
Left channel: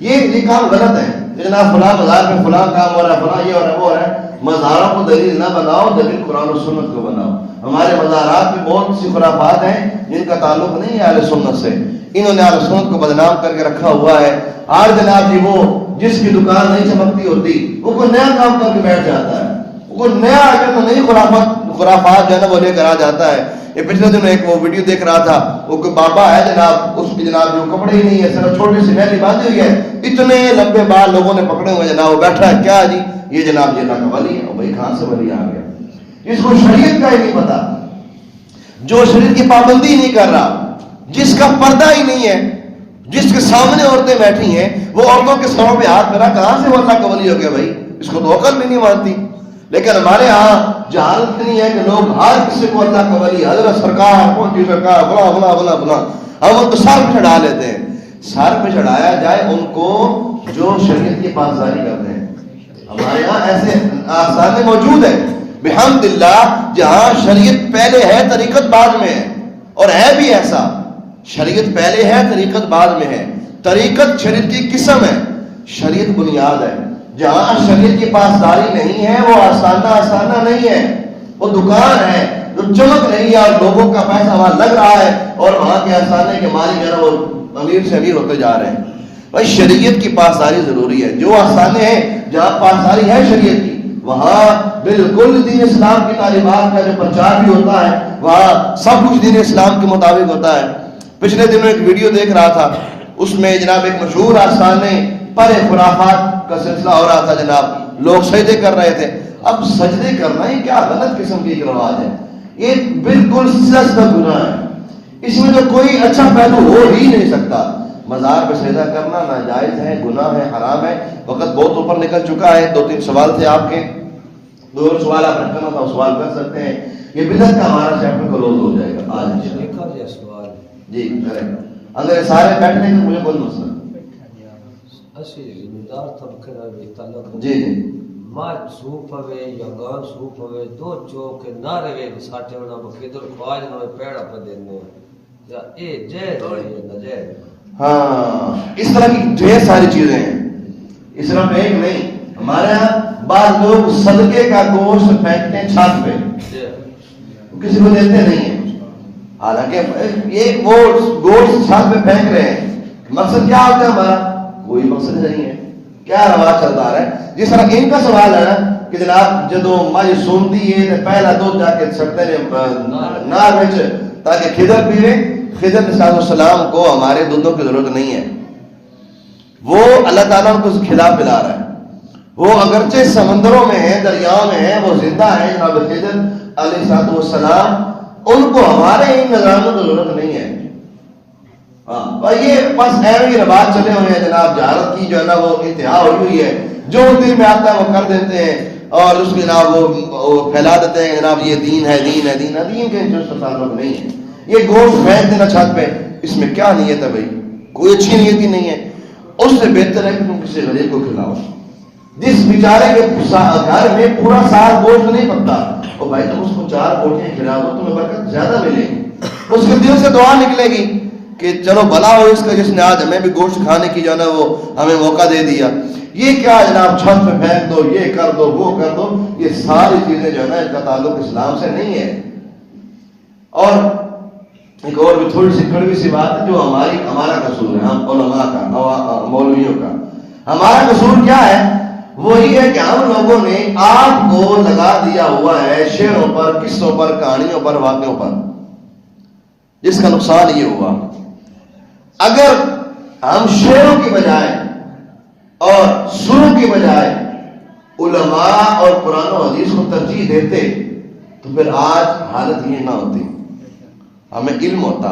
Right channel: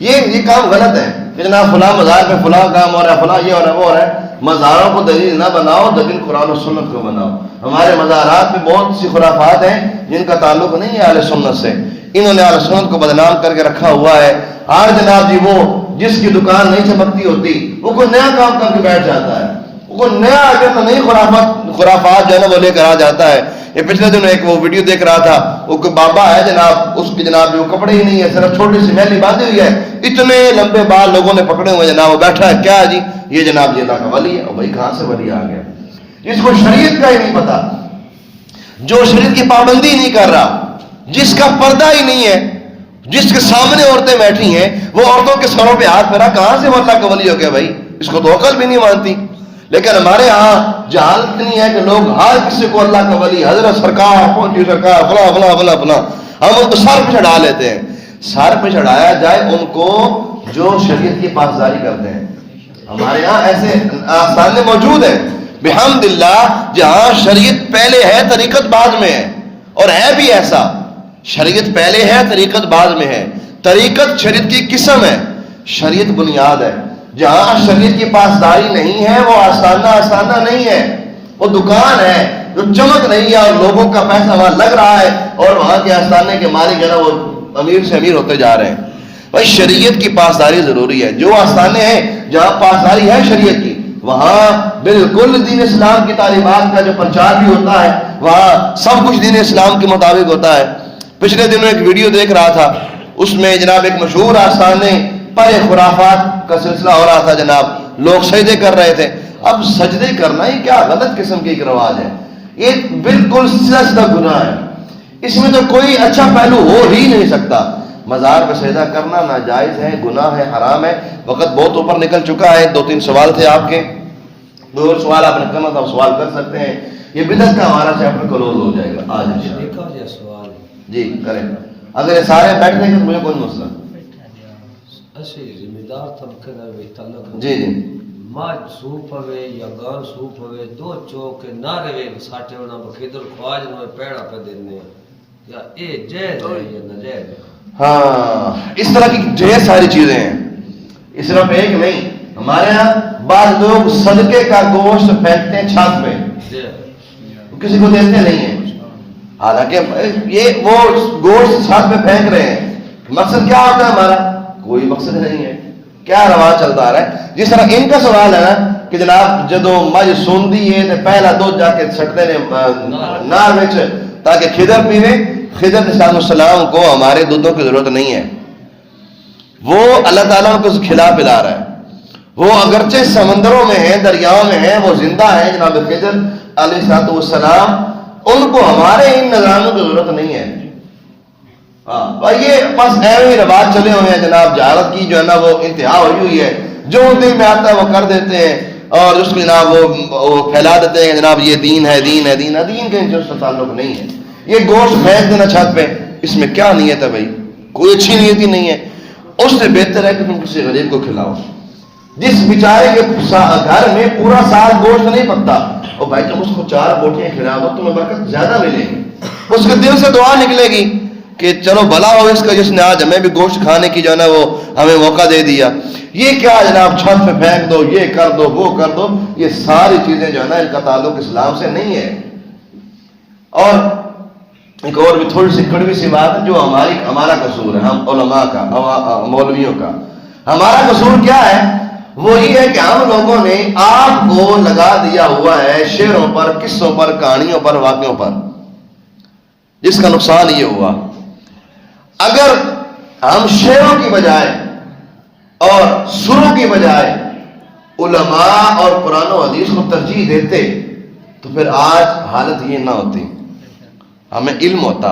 یہ کام غلط ہے کہ جناب فلاں مزار پہ فلاں کام ہو رہا ہے، فلاں یہ ہو رہا ہے، وہ ہو رہا ہے. مزاروں کو دلیل نہ بناؤ، دلیل قرآن و سنت کو بناؤ۔ ہمارے مزارات میں بہت سی خرافات ہیں جن کا تعلق نہیں ہے اہل سنت سے، انہوں نے اہل سنت کو بدنام کر کے رکھا ہوا ہے۔ آج جناب جی وہ جس کی دکان نہیں چمکتی ہوتی وہ کوئی نیا کام کر کے بیٹھ جاتا ہے، وہ کوئی نیا آگے تو نئی خرافات جو ہے نا وہ لے کر آ جاتا ہے۔ یہ پچھلے دنوں ایک وہ ویڈیو دیکھ رہا تھا، وہ کوئی بابا ہے جناب، اس کی جناب وہ کپڑے ہی نہیں ہے، صرف چھوٹی سی میلی باندھی ہوئی ہے، اتنے لمبے بال لوگوں نے پکڑے ہوئے جناب، وہ بیٹھا ہے کیا جی یہ جناب یہ اللہ کا ولی ہے۔ اور بھائی کہاں سے ولی آ گیا؟ اس کو شریعت کا ہی نہیں پتا، جو شریعت کی پابندی نہیں کر رہا، جس کا پردہ ہی نہیں ہے، جس کے سامنے عورتیں بیٹھی ہیں وہ عورتوں کے سروں پہ ہاتھ پھیرا، کہاں سے وہ اللہ کا ولی ہو گیا بھائی؟ اس کو تو عقل بھی نہیں مانتی۔ لیکن ہمارے ہاں جہالت اتنی ہے کہ لوگ ہر کسی کو اللہ کا ولی، حضرت سرکار پہنچی سرکار فلاں فلاں فلاں فلاں، ہم ان کو سر پہ چڑھا لیتے ہیں۔ سر پہ چڑھایا جائے ان کو جو شریعت کی پاسداری کرتے ہیں۔ ہمارے یہاں ایسے آسانے موجود ہیں بحمد اللہ، جہاں شریعت پہلے ہے طریقت بعد میں ہے، اور ہے بھی ایسا، شریعت پہلے ہے طریقت بعد میں ہے۔ طریقت شریعت کی قسم ہے، شریعت بنیاد ہے۔ جہاں شریعت کی پاسداری نہیں ہے وہ آستانہ نہیں ہے، وہ دکان ہے جو چمک نہیں ہے، اور لوگوں کا پیسہ وہاں لگ رہا ہے، اور وہاں کے آستانے کے مالک جو ہے وہ امیر سے امیر ہوتے جا رہے ہیں۔ بھائی شریعت کی پاسداری ضروری ہے۔ جو آستانے ہیں جہاں پاسداری ہے شریعت کی، وہاں بالکل دین اسلام کی تعلیمات کا جو پرچار بھی ہوتا ہے، وہاں سب کچھ دین اسلام کے مطابق ہوتا ہے۔ پچھلے دنوں ایک ویڈیو دیکھ رہا تھا، اس میں جناب ایک مشہور آستانے پر خرافات کا سلسلہ ہو رہا تھا جناب، لوگ سجدے کر رہے تھے۔ اب سجدے کرنا ہی کیا غلط قسم کی ایک رواج ہے، یہ بالکل سیدھا گناہ ہے، اس میں تو کوئی اچھا پہلو ہو ہی نہیں سکتا۔ مزار پہ سجدہ کرنا ناجائز ہے، گناہ ہے، حرام ہے۔ وقت بہت اوپر نکل چکا ہے، 2-3 سوال تھے آپ کے، 2 اور سوال آپ نے کم از کم سوال کر سکتے ہیں، یہ بدعت کا ہمارا چیپٹر کلوز ہو جائے گا آج سوال جی کریں۔ اگر سارے بیٹھنے کے تو مجھے کوئی مسئلہ ذمہ طبقے تعلق جی جی ماج سوپ ہوئے یا گان سوپ ہوئے، دو چوک نہ رہے ساٹھے ہونا بخیدر خواج نہ پیڑا پہ دینے، یا اے جائز ہے یا ناجائز؟ ہاں اس طرح کی ڈھیر ساری چیزیں ہیں، اس طرح ایک نہیں۔ ہمارے یہاں بعض لوگ صدقے کا گوشت پھینکتے ہیں چھت پہ، کسی کو دیتے نہیں ہیں، حالانکہ یہ وہ گوشت چھت پہ پھینک رہے ہیں، مقصد کیا ہوتا ہے ہمارا؟ کوئی مقصد نہیں ہے، کیا رواج چلتا آ رہا ہے۔ جس طرح ان کا سوال ہے نا کہ جناب جدو مجھ سوندی ہے تو پہلا دودھ جا کے چھٹتے نے نار وچ تاکہ خضر پیوے۔ خضر علیہ السلام کو ہمارے دودھوں کی ضرورت نہیں ہے، وہ اللہ تعالیٰ کو کھلا پلا رہا ہے، وہ اگرچہ سمندروں میں ہے، دریاؤں میں ہے، وہ زندہ ہے جناب خضر علیہ السلام، ان کو ہمارے ان نظرانوں کی ضرورت نہیں ہے۔ یہ بس ایویں رواج چلے ہوئے ہیں جناب، جہالت کی جو ہے نا وہ انتہا ہوئی ہوئی ہے، جو دل میں آتا ہے وہ کر دیتے ہیں، اور اس میں جناب وہ پھیلا دیتے ہیں جناب یہ دین ہے، دین ہے، دین ہے، دین کے جو اس کا تعلق نہیں ہے۔ یہ گوشت پھینک دینا چھت پہ، اس میں کیا نیت ہے بھائی؟ کوئی اچھی نیت ہی نہیں ہے۔ اس سے بہتر ہے کہ تم کسی غریب کو کھلاؤ، جس بیچارے کے گھر میں پورا سال گوشت نہیں پکتا، اور بھائی تم اس کو 4 بوٹیاں کھلا دو، تمہیں برکت زیادہ ملے گی، اس کے دل سے دعا نکلے گی کہ چلو بھلا ہو اس کا جس نے آج ہمیں بھی گوشت کھانے کی جو ہے نا وہ ہمیں موقع دے دیا۔ یہ کیا جناب چھت پہ پھینک دو، یہ کر دو، وہ کر دو، یہ ساری چیزیں جو ہے نا ان کا تعلق اسلام سے نہیں ہے۔ اور ایک اور بھی تھوڑی سی کڑوی سی بات ہے جو ہمارا قصور ہے، ہم علماء کا، مولویوں کا ہمارا قصور کیا ہے؟ وہ یہ ہے کہ ہم لوگوں نے آپ کو لگا دیا ہوا ہے شعروں پر، قصوں پر، کہانیوں پر، واقعوں پر، جس کا نقصان یہ ہوا۔ اگر ہم شعروں کی بجائے اور سروں کی بجائے علماء اور قرآن و حدیث کو ترجیح دیتے تو پھر آج حالت یہ نہ ہوتی، ہمیں علم ہوتا۔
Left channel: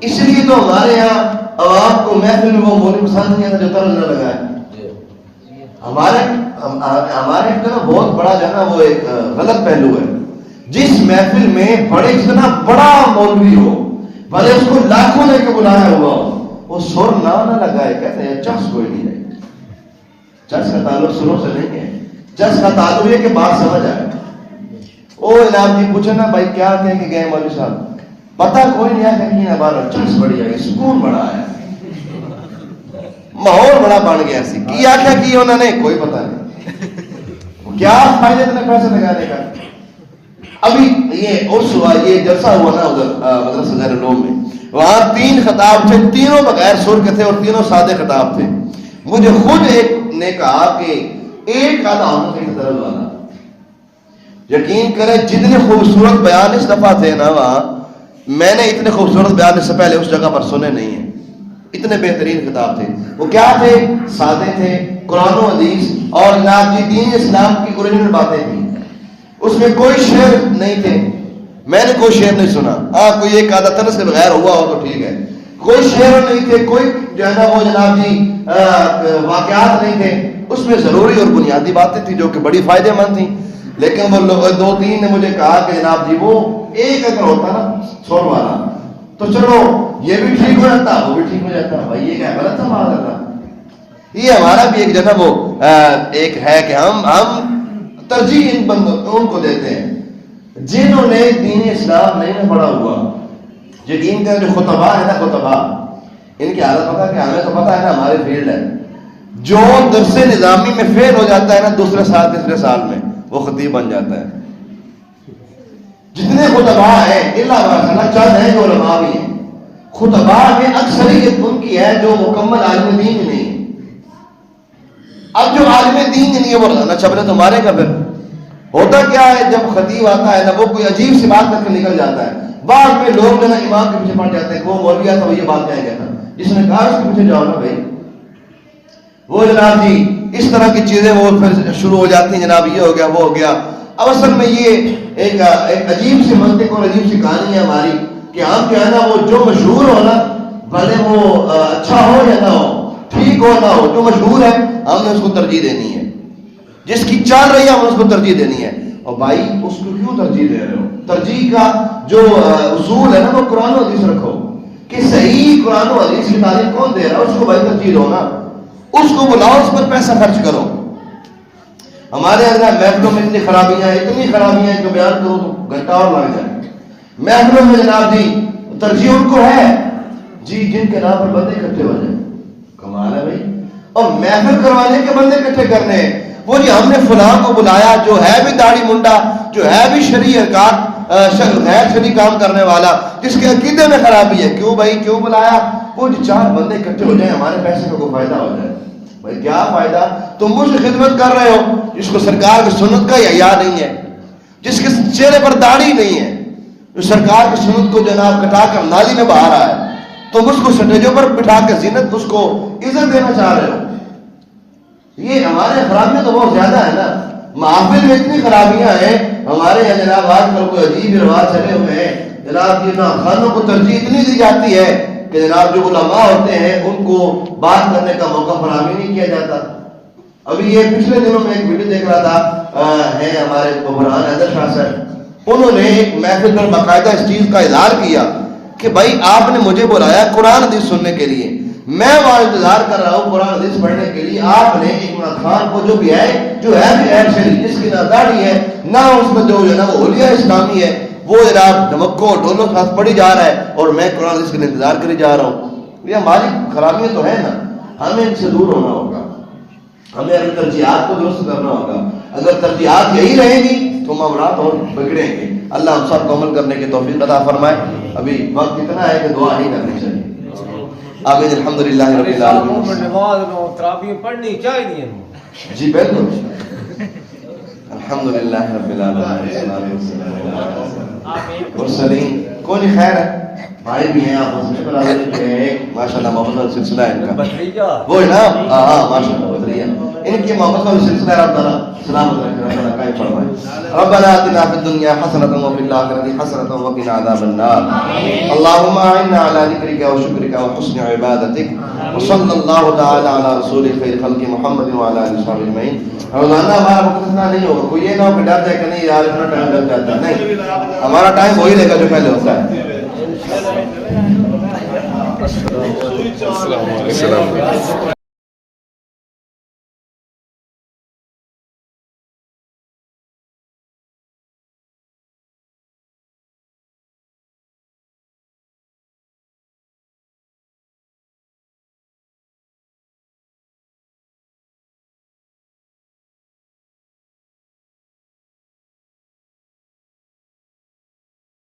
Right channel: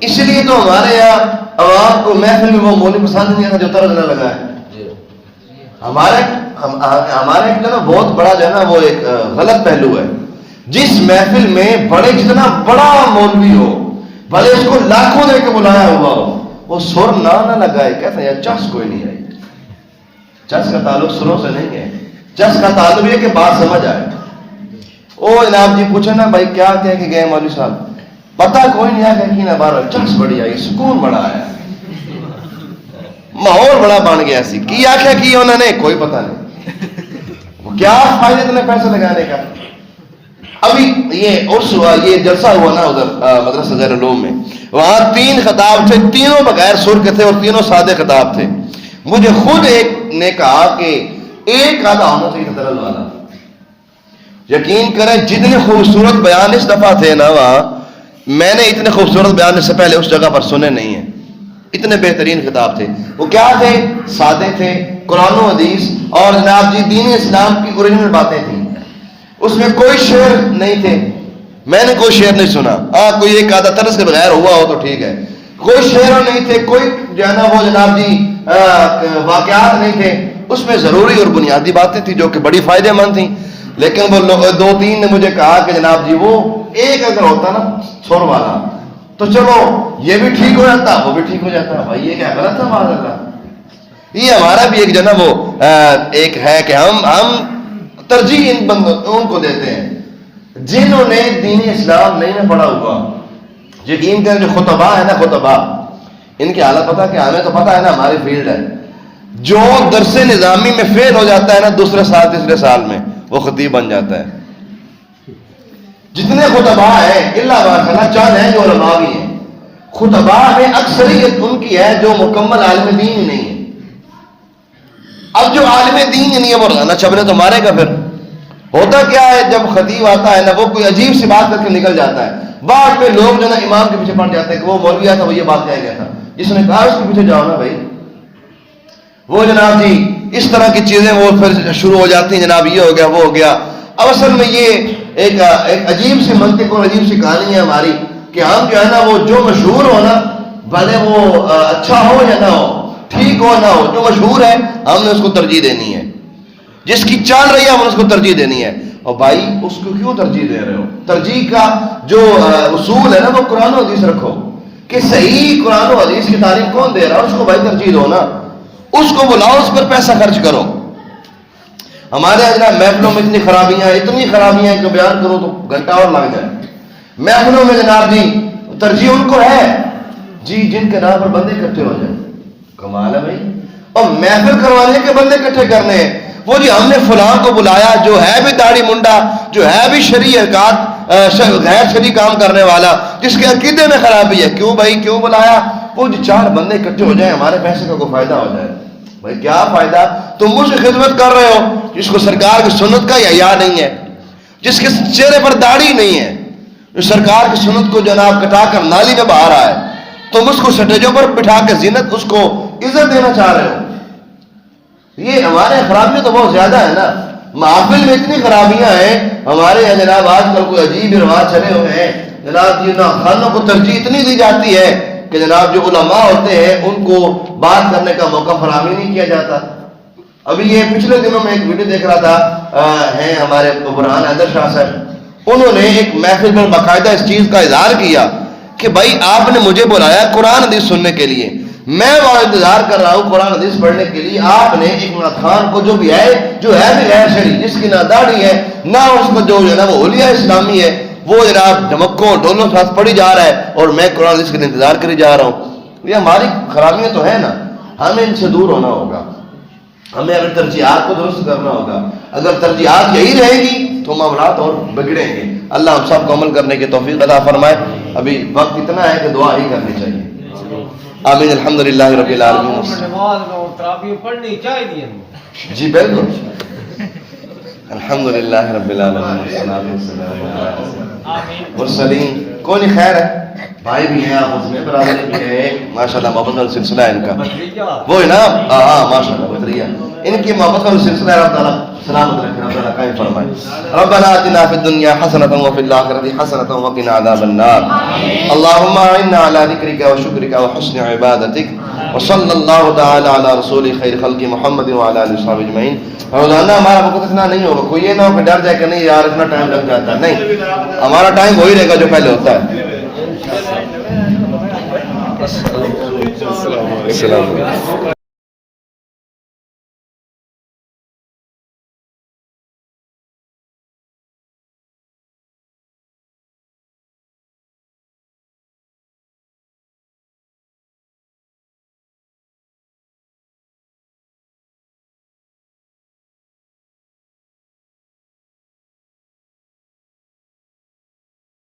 اس لیے تو ہمارے یہاں عوام کو محفل میں وہ مولوی پسند نہیں آتا جو طرز نہ لگائے۔ ہمارے جو نا بہت بڑا جو ہے نا وہ ایک غلط پہلو ہے، جس محفل میں بڑے جتنا بڑا مولوی ہو، بھلے اس کو لاکھوں دے کے بلایا ہوا ہو، وہ سر نہ لگائے، کہتے ہیں چس کوئی نہیں آئی۔ چس کا تعلق سروں سے نہیں ہے، چس کا تعلق یہ کہ بات سمجھ آئے۔ او جناب جی پوچھے نا بھائی کیا کہہ کے گئے مولوی صاحب، پتہ کوئی نہیں آیا کہ نہ بارہ چس بڑی آئی، سکون بڑا ہے، ماحول بڑا بن گیا سی، کی آخیا کی انہوں نے کوئی پتہ نہیں، کیا فائدہ اتنے پیسے لگانے کا؟ ابھی یہ جلسہ ہوا نا ادھر مدرسہ غیر العلوم میں، وہاں 3 خطاب تھے، تینوں بغیر سر کے تھے اور تینوں سادے خطاب تھے. مجھے خود ایک نے کہا کہ ایک آدھا ہونا چاہیے درد والا. یقین کریں جتنے خوبصورت بیان اس دفعہ تھے نا وہاں، میں نے اتنے خوبصورت بیان اس سے پہلے اس جگہ پر سنے نہیں ہیں. اتنے بہترین خطاب تھے. وہ کیا تھے؟ سادے تھے، قرآن و حدیث اور جناب جی دین اسلام کی اوریجنل باتیں تھیں. اس میں کوئی شعر نہیں تھے، میں نے کوئی شعر نہیں سنا. کوئی ایک آدھا طرز کے بغیر ہوا ہو تو ٹھیک ہے. کوئی شعر نہیں تھے، کوئی جو ہے نا وہ جناب جی واقعات نہیں تھے. اس میں ضروری اور بنیادی باتیں تھیں جو کہ بڑی فائدہ مند تھیں. لیکن وہ 2-3 نے مجھے کہا کہ جناب جی وہ ایک اگر ہوتا نا چھوڑ والا تو چلو یہ بھی ٹھیک ہو جاتا، وہ بھی ٹھیک ہو جاتا. بھائی یہ کیا غلط ہے ہمارا کا؟ یہ ہمارا بھی ایک جناب وہ ایک ہے کہ ہم ترجیح ان کو دیتے ہیں جنہوں نے دین اسلام نہیں نہ پڑھا ہوا. یقین کریں جو خطبہ ہے نا، خطبہ ان کی حالت پتہ کہ ہمیں تو پتہ ہے نا ہماری فیلڈ ہے. جو درس نظامی میں فیل ہو جاتا ہے نا دوسرے سال تیسرے سال میں وہ خطیب بن جاتا ہے. جتنے خطبہ ہیں اللہ ماشاءاللہ چند ہیں جو علماء بھی ہیں. خطبہ میں اکثریت ان کی ہے جو مکمل عالم دین ہی نہیں ہے. اب جو عالم دین ہی نہیں ہے وہ روزانہ چھپڑے تو مارے گا. پھر ہوتا کیا ہے جب خطیب آتا ہے نا وہ کوئی عجیب سی بات کر کے نکل جاتا ہے. بعد میں لوگ جو نا امام کے پیچھے پڑ جاتے ہیں کہ وہ مولوی آیا تھا وہ یہ بات کہہ گیا تھا، جس نے کہا اس کے پیچھے جاؤ نا بھائی. وہ جناب جی اس طرح کی چیزیں وہ پھر شروع ہو جاتی ہیں، جناب یہ ہو گیا وہ ہو گیا. اب اصل میں یہ ایک عجیب سی منطق اور عجیب سی کہانی ہے ہماری کہ ہم جو ہے نا وہ جو مشہور ہو نا بھلے وہ اچھا ہو یا نہ ہو، ٹھیک ہو نہ ہو، جو مشہور ہے ہم نے اس کو ترجیح دینی ہے. جس کی چل رہی ہے ہم نے اس کو ترجیح دینی ہے. اور بھائی اس کو کیوں ترجیح دے رہے ہو؟ ترجیح کا جو اصول ہے نا وہ قرآن و حدیث رکھو کہ صحیح قرآن و حدیث کی تعلیم کون دے رہا ہے اس کو بھائی ترجیح دو نا. اس کو بلاؤ، اس پر پیسہ خرچ کرو. ہمارے یہاں محفلوں میں اتنی خرابیاں ہیں کہ بیان کرو تو گھنٹہ اور لگ جائے. محفلوں میں جناب جی ترجیح ان کو ہے جی جن کے نام پر بندے اکٹھے ہو جائیں. کمال ہے بھائی. اور محفل کروانے کے بندے اکٹھے کرنے ہیں. وہ جی ہم نے فلاں کو بلایا جو ہے بھی داڑھی منڈا، جو ہے بھی شریعت غیر شرعی کام کرنے والا، جس کے عقیدے میں خرابی ہے. کیوں بھائی کیوں بلایا؟ وہ جو 4 بندے اکٹھے ہو جائیں ہمارے پیسے کا کوئی فائدہ ہو جائے. بھائی کیا فائدہ؟ تم مجھ سے خدمت کر رہے ہو جس کو سرکار کی سنت کا حیا نہیں ہے، جس کے چہرے پر داڑھی نہیں ہے، جو سرکار کی سنت کو جناب کٹا کر نالی میں بہا رہا ہے. تم اس کو سٹیجوں پر بٹھا کے زینت اس کو عزت دینا چاہ رہے ہو. یہ ہمارے خرابیاں تو بہت زیادہ ہے نا. محافل میں اتنی خرابیاں ہیں ہمارے یہاں جناب. آج کل کوئی عجیب رواج چلے ہوئے ہیں جناب. یہ خانوں کو ترجیح اتنی دی جاتی ہے کہ جناب جو علماء ہوتے ہیں ان کو بات کرنے کا موقع فراہم نہیں کیا جاتا. ابھی یہ پچھلے دنوں میں ایک ویڈیو دیکھ رہا تھا، ہیں ہمارے برہان حیدر شاہ صاحب، انہوں نے ایک محفل پر باقاعدہ اس چیز کا اظہار کیا کہ بھائی آپ نے مجھے بلایا قرآن حدیث سننے کے لیے، میں وہاں انتظار کر رہا ہوں قرآن حدیث پڑھنے کے لیے. آپ نے عمران خان کو جو ہے بھی غیر شرعی، جس کی نہ داڑھی ہے نہ اس کو جو ہے نا وہ اولیاء اسلامی ہے، وہ جناب ڈھمکوں ڈولوں کے ساتھ پڑھی جا رہا ہے اور میں قرآن حدیث کے لیے انتظار کری جا رہا ہوں. یہ ہماری خرابیاں تو ہے نا. ہمیں ان سے دور ہونا ہوگا. ہمیں اگر ترجیحات کو درست کرنا ہوگا. اگر ترجیحات یہی رہے گی تو معاملات اور بگڑیں گے. اللہ ہم سب کو عمل کرنے کی توفیق عطا فرمائے. ابھی وقت اتنا ہے کہ دعا ہی کرنی چاہیے. آمین. الحمدللہ رب العالمین. پڑھنی چاہیے جی بالکل. الحمدللہ رب العالمین. مرسلین کوئی نہیں. خیر ہے بھائی بھی ہیں آپ اس میں برادری بھی ہیں. ماشاءاللہ محبت والا سلسلہ ہے ان کا. وہ ہے نا ہاں ماشاءاللہ بدریہ ان کی محبت والا سلسلہ ہے. اللہ تعالیٰ سلامت رکھے، اللہ تعالیٰ قائم فرمائے. ربنا آتنا فی الدنیا حسنة وفی الآخرة حسنة وقنا عذاب النار. اللهم اعنا على ذکرک وشکرک وحسن عبادتک وصلی اللہ تعالی علی رسول خیر خلق محمد وعلی آلہ وصحبہ اجمعین. روزانہ ہمارا وقت اتنا نہیں ہوگا. کوئی یہ نہ ہو کہ ڈر جائے کہ نہیں یار اتنا ٹائم لگ جاتا ہے. نہیں، ہمارا ٹائم وہی رہے گا جو پہلے ہوتا ہے. السلام علیکم.